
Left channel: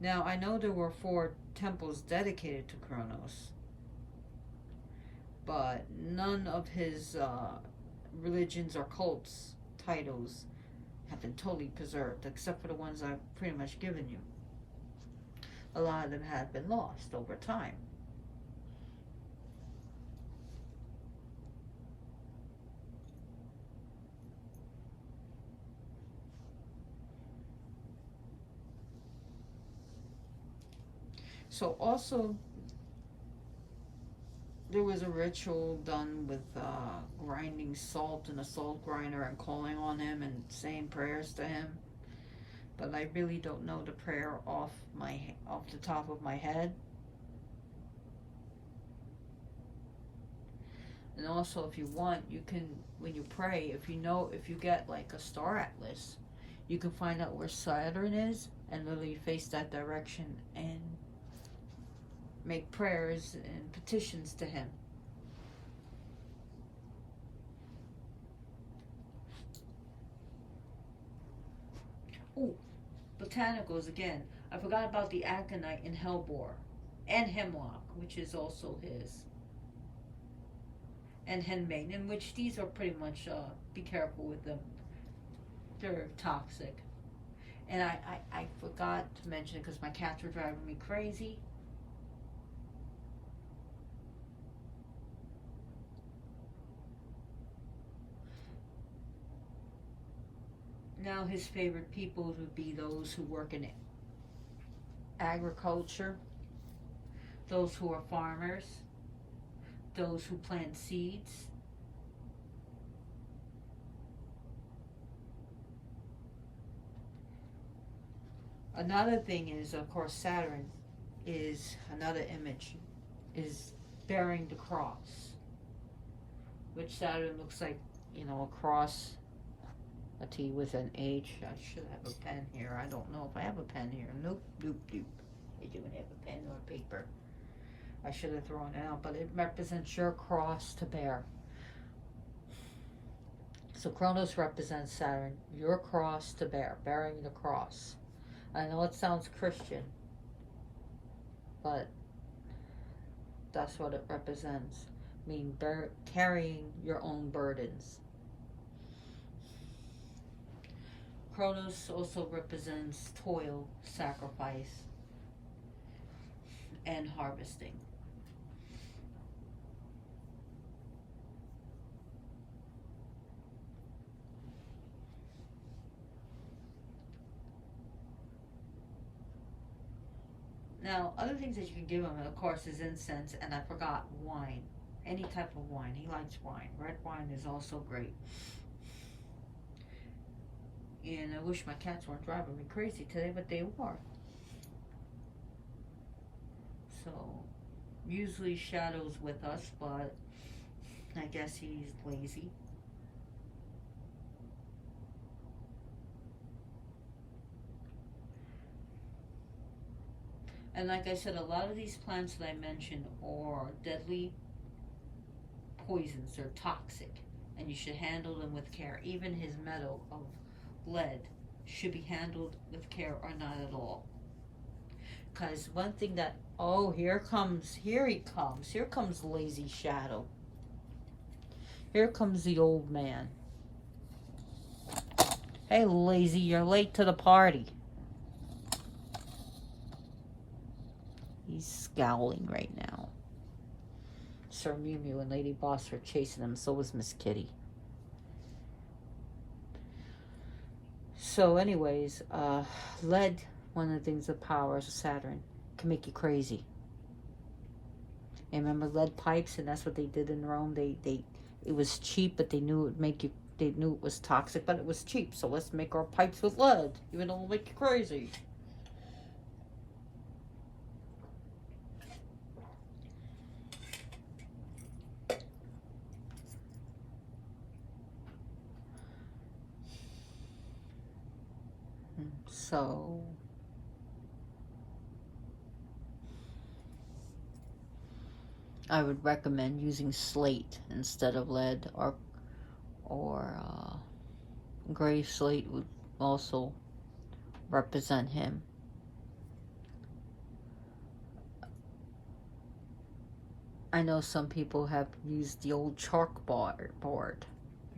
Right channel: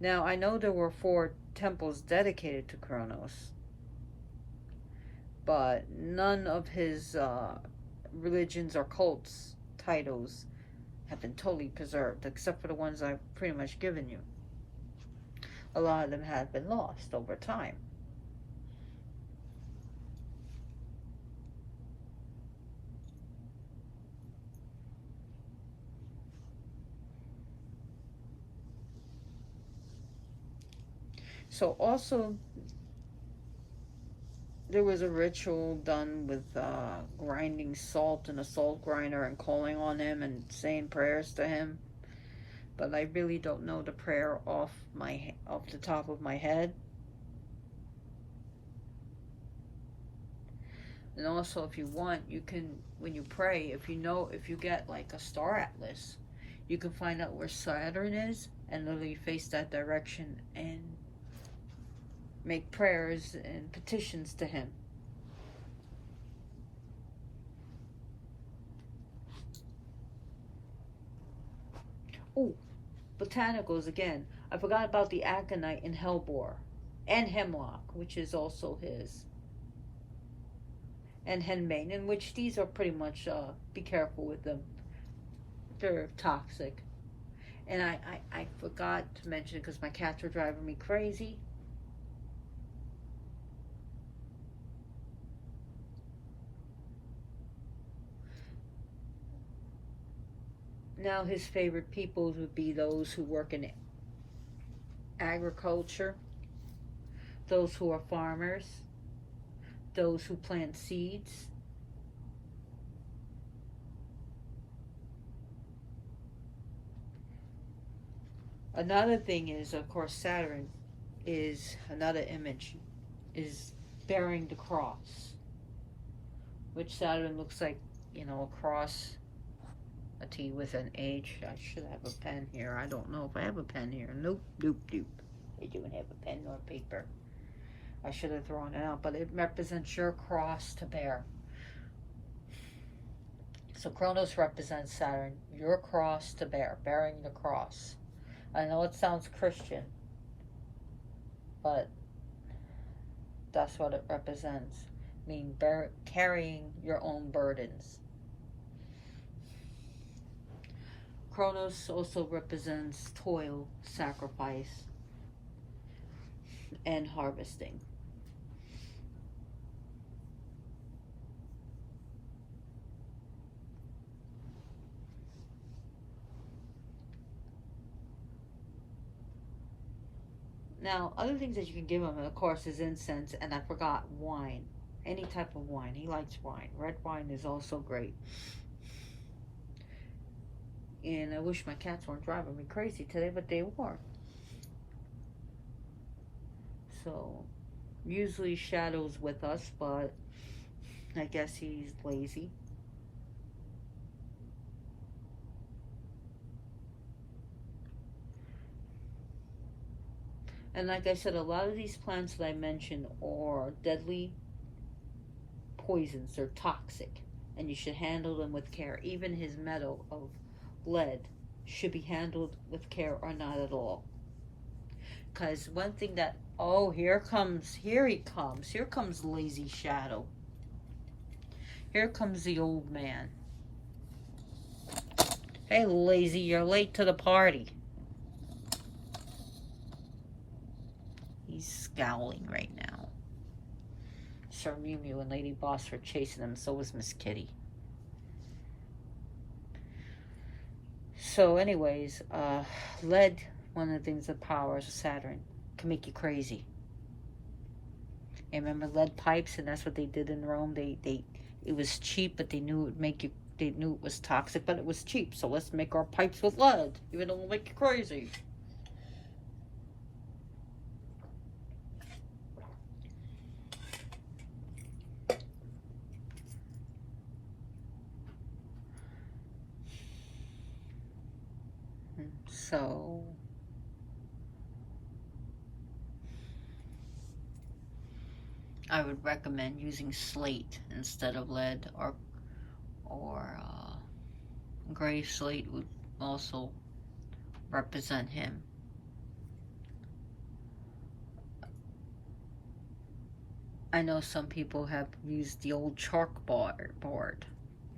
Now, I know there were 4 temples dedicated to Cronus, but none of his religions or cults titles have been totally preserved, except for the ones I've pretty much given you. A lot of them have been lost over time. So also, there was a ritual done with grinding salt in a salt grinder and calling on him and saying prayers to him. But I really don't know the prayer off the top of my head. And also, if you want, you can, when you pray, if you get like a star atlas, you can find out where Saturn is and literally face that direction and make prayers and petitions to him. Oh, botanicals again. I forgot about the aconite and hellebore, and hemlock, which is also his, and henbane, in which these are pretty much, be careful with them. They're toxic. And I forgot to mention it because my cats were driving me crazy. Now, his favorite peoples would be those who work in agriculture, those who are farmers, those who plant seeds. Another thing is, of course, Saturn is another image, is bearing the cross, which Saturn looks like, a cross, a T with an H. I should have a pen here. I don't know if I have a pen here. Nope, doop, doop. I don't have a pen nor paper. I should have thrown it out, but it represents your cross to bear. So Cronus represents Saturn, your cross to bear, bearing the cross. I know it sounds Christian, but that's what it represents. mean carrying your own burdens. Cronus also represents toil, sacrifice, and harvesting. Now, other things that you can give him, of course, is incense, and I forgot wine. Any type of wine. He likes wine. Red wine is also great. And I wish my cats weren't driving me crazy today, but they were. So, usually Shadow's with us, but I guess he's lazy. And like I said, a lot of these plants that I mentioned are deadly poisons. They're toxic. And you should handle them with care. Even his metal of lead should be handled with care or not at all. Because one thing that... Oh, here he comes lazy Shadow. Here comes the old man. Hey, lazy, you're late to the party. He's scowling right now. Sir Mew Mew and Lady Boss were chasing him, so was Miss Kitty. So anyways, lead, one of the things, the powers of Saturn, can make you crazy. And remember lead pipes, and that's what they did in Rome. It was cheap, but they knew it would make you, they knew it was toxic, but it was cheap. So let's make our pipes with lead, even though it'll make you crazy. So I would recommend using slate instead of lead, or gray slate would also represent him. I know some people have used the old chalk board,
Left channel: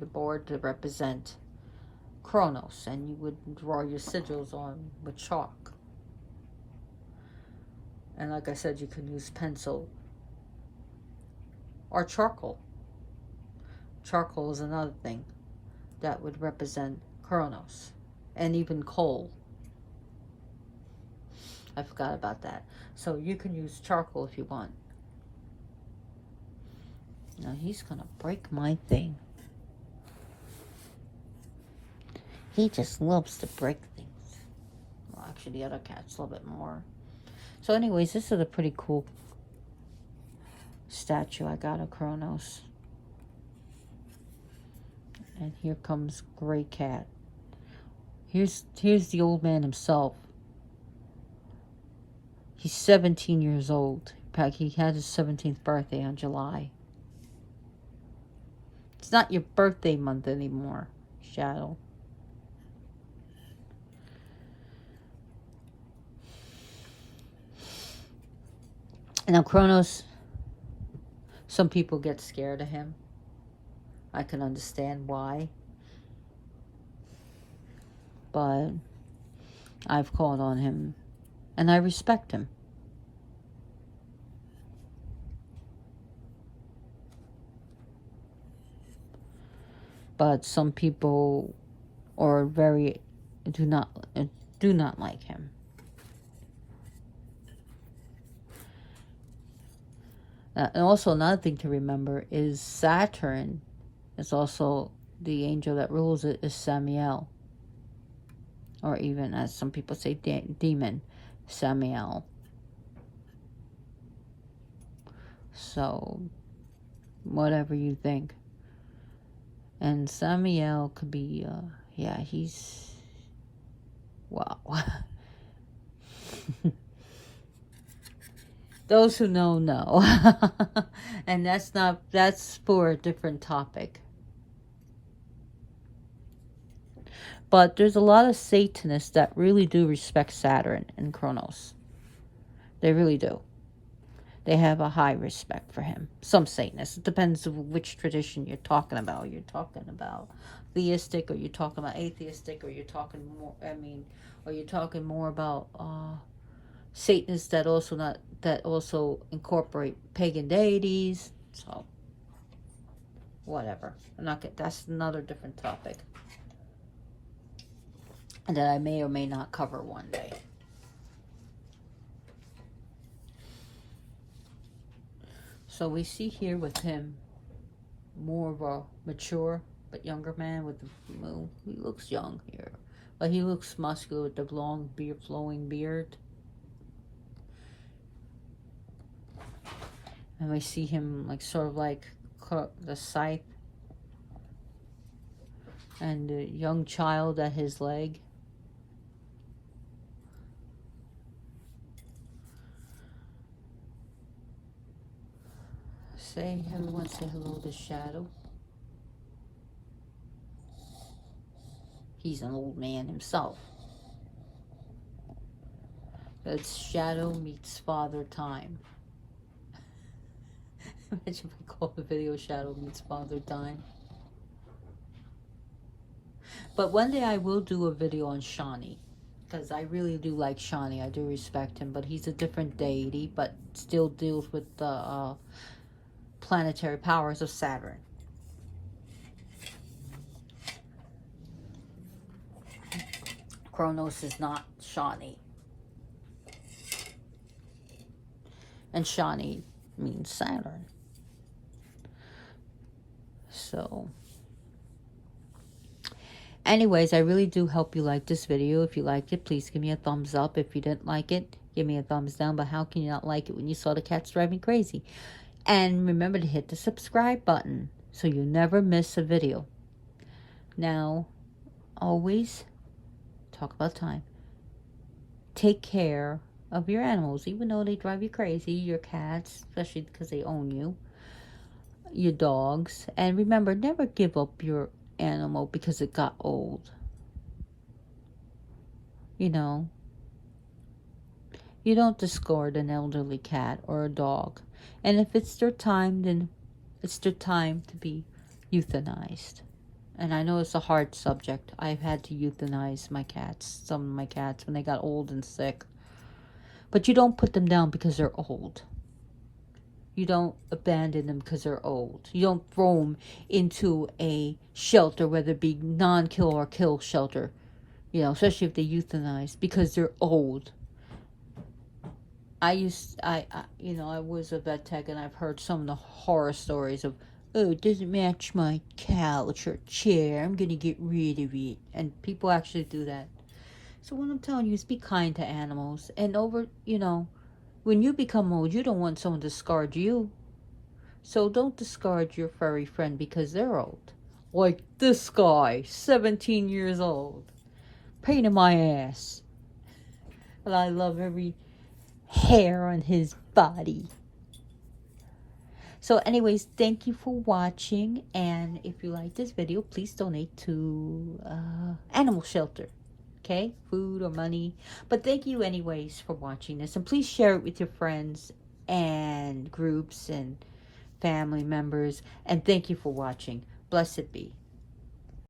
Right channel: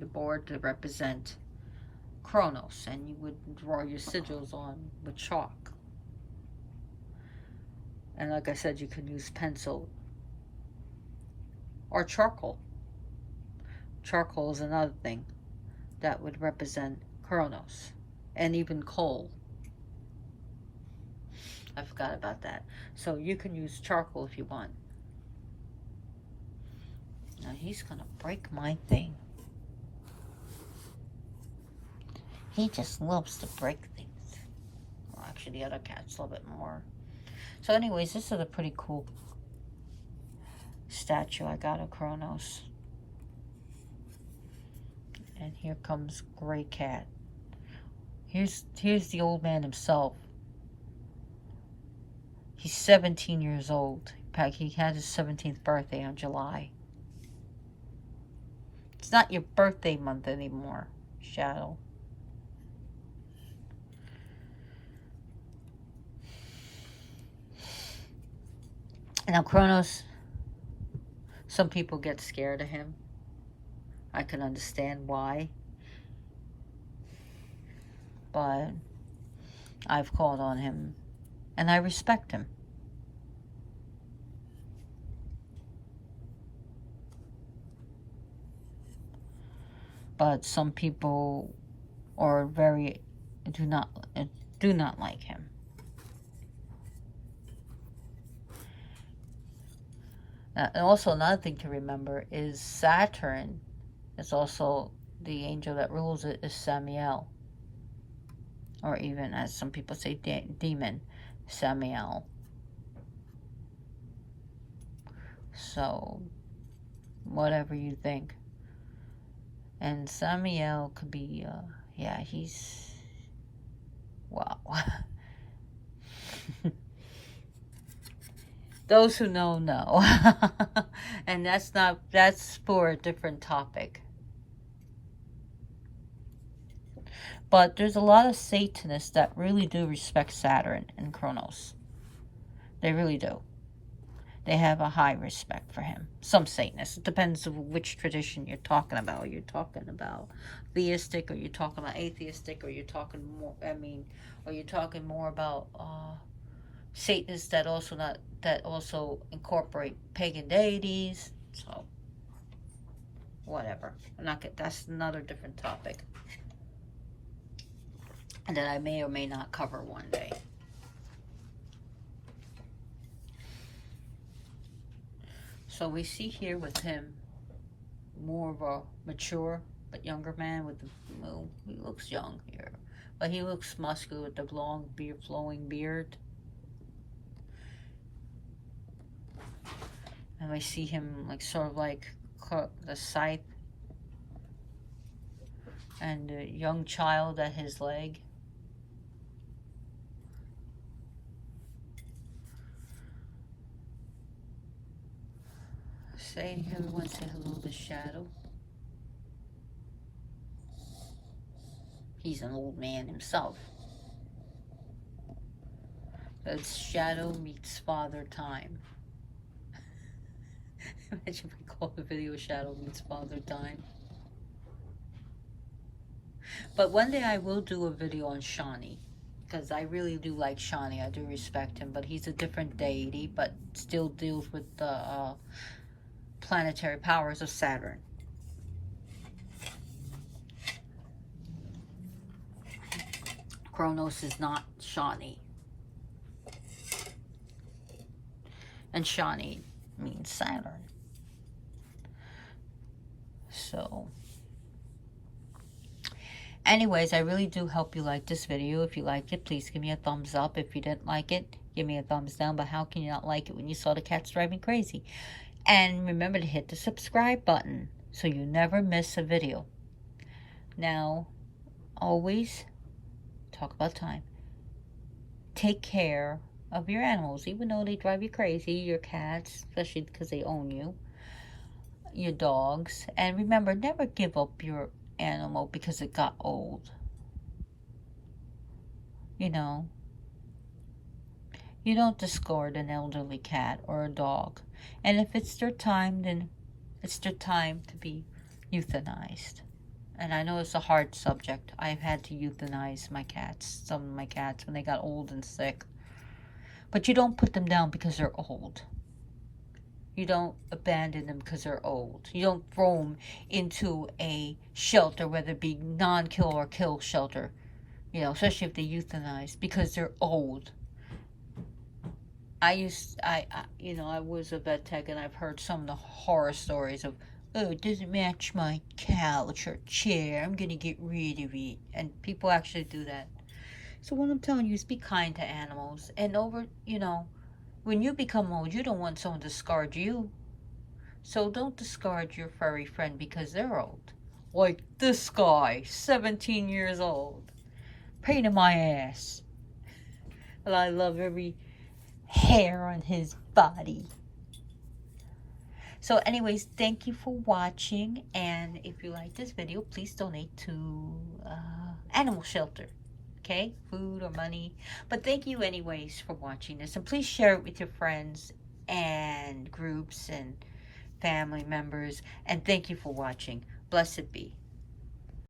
the board to represent Cronus, and you would draw your sigils on with chalk. And like I said, you can use pencil or charcoal. Charcoal is another thing that would represent Cronus, and even coal. I forgot about that. So you can use charcoal if you want. Now he's gonna break my thing. He just loves to break things. Well, actually, the other cat's a little bit more. So anyways, this is a pretty cool statue I got of Cronus. And here comes Gray Cat. Here's the old man himself. He's 17 years old. In fact, he had his 17th birthday on July. It's not your birthday month anymore, Shadow. Now, Cronus, some people get scared of him. I can understand why. But I've called on him, and I respect him. But some people are do not like him. And also another thing to remember is Saturn is also the angel that rules it, is Samael. Or even, as some people say, demon, Samael. So, whatever you think. And Samael could be, yeah, he's, wow. Those who know, know. And that's for a different topic. But there's a lot of Satanists that really do respect Saturn and Cronus. They really do. They have a high respect for him. Some Satanists. It depends on which tradition you're talking about. You're talking about theistic, or you're talking about atheistic, or you're talking more, or you're talking more about Satanists that also incorporate pagan deities. So whatever. That's another different topic. And that I may or may not cover one day. So we see here with him more of a mature but younger man with he looks young here. But he looks muscular with the long beard, flowing beard. And we see him like sort of like the scythe. And a young child at his leg. Everyone say hello to Shadow. He's an old man himself. It's Shadow meets Father Time. Imagine if we call the video Shadow meets Father Time. But one day I will do a video on Shani, because I really do like Shani. I do respect him, but he's a different deity, but still deals with the planetary powers of Saturn. Cronus is not Shani. And Shani means Saturn. So, anyways, I really do hope you like this video. If you liked it, please give me a thumbs up. If you didn't like it, give me a thumbs down. But how can you not like it when you saw the cats driving crazy? And remember to hit the subscribe button so you never miss a video. Now, always talk about time. Take care of your animals, even though they drive you crazy. Your cats, especially because they own you. Your dogs. And remember, never give up your animal because it got old. You know, you don't discard an elderly cat or a dog. And if it's their time, then it's their time to be euthanized. And I know it's a hard subject. I've had to euthanize my cats, some of my cats, when they got old and sick. But you don't put them down because they're old. You don't abandon them because they're old. You don't throw them into a shelter, whether it be non-kill or kill shelter. You know, especially if they euthanize, because they're old. I was a vet tech, and I've heard some of the horror stories of, oh, it doesn't match my couch or chair, I'm gonna get rid of it. And people actually do that. So what I'm telling you is be kind to animals. And when you become old, you don't want someone to discard you. So don't discard your furry friend because they're old. Like this guy, 17 years old. Pain in my ass. But I love every hair on his body. So anyways, thank you for watching, and if you like this video, please donate to animal shelter. Okay, food or money, but thank you anyways for watching this, and please share it with your friends and groups and family members, and thank you for watching. Blessed be.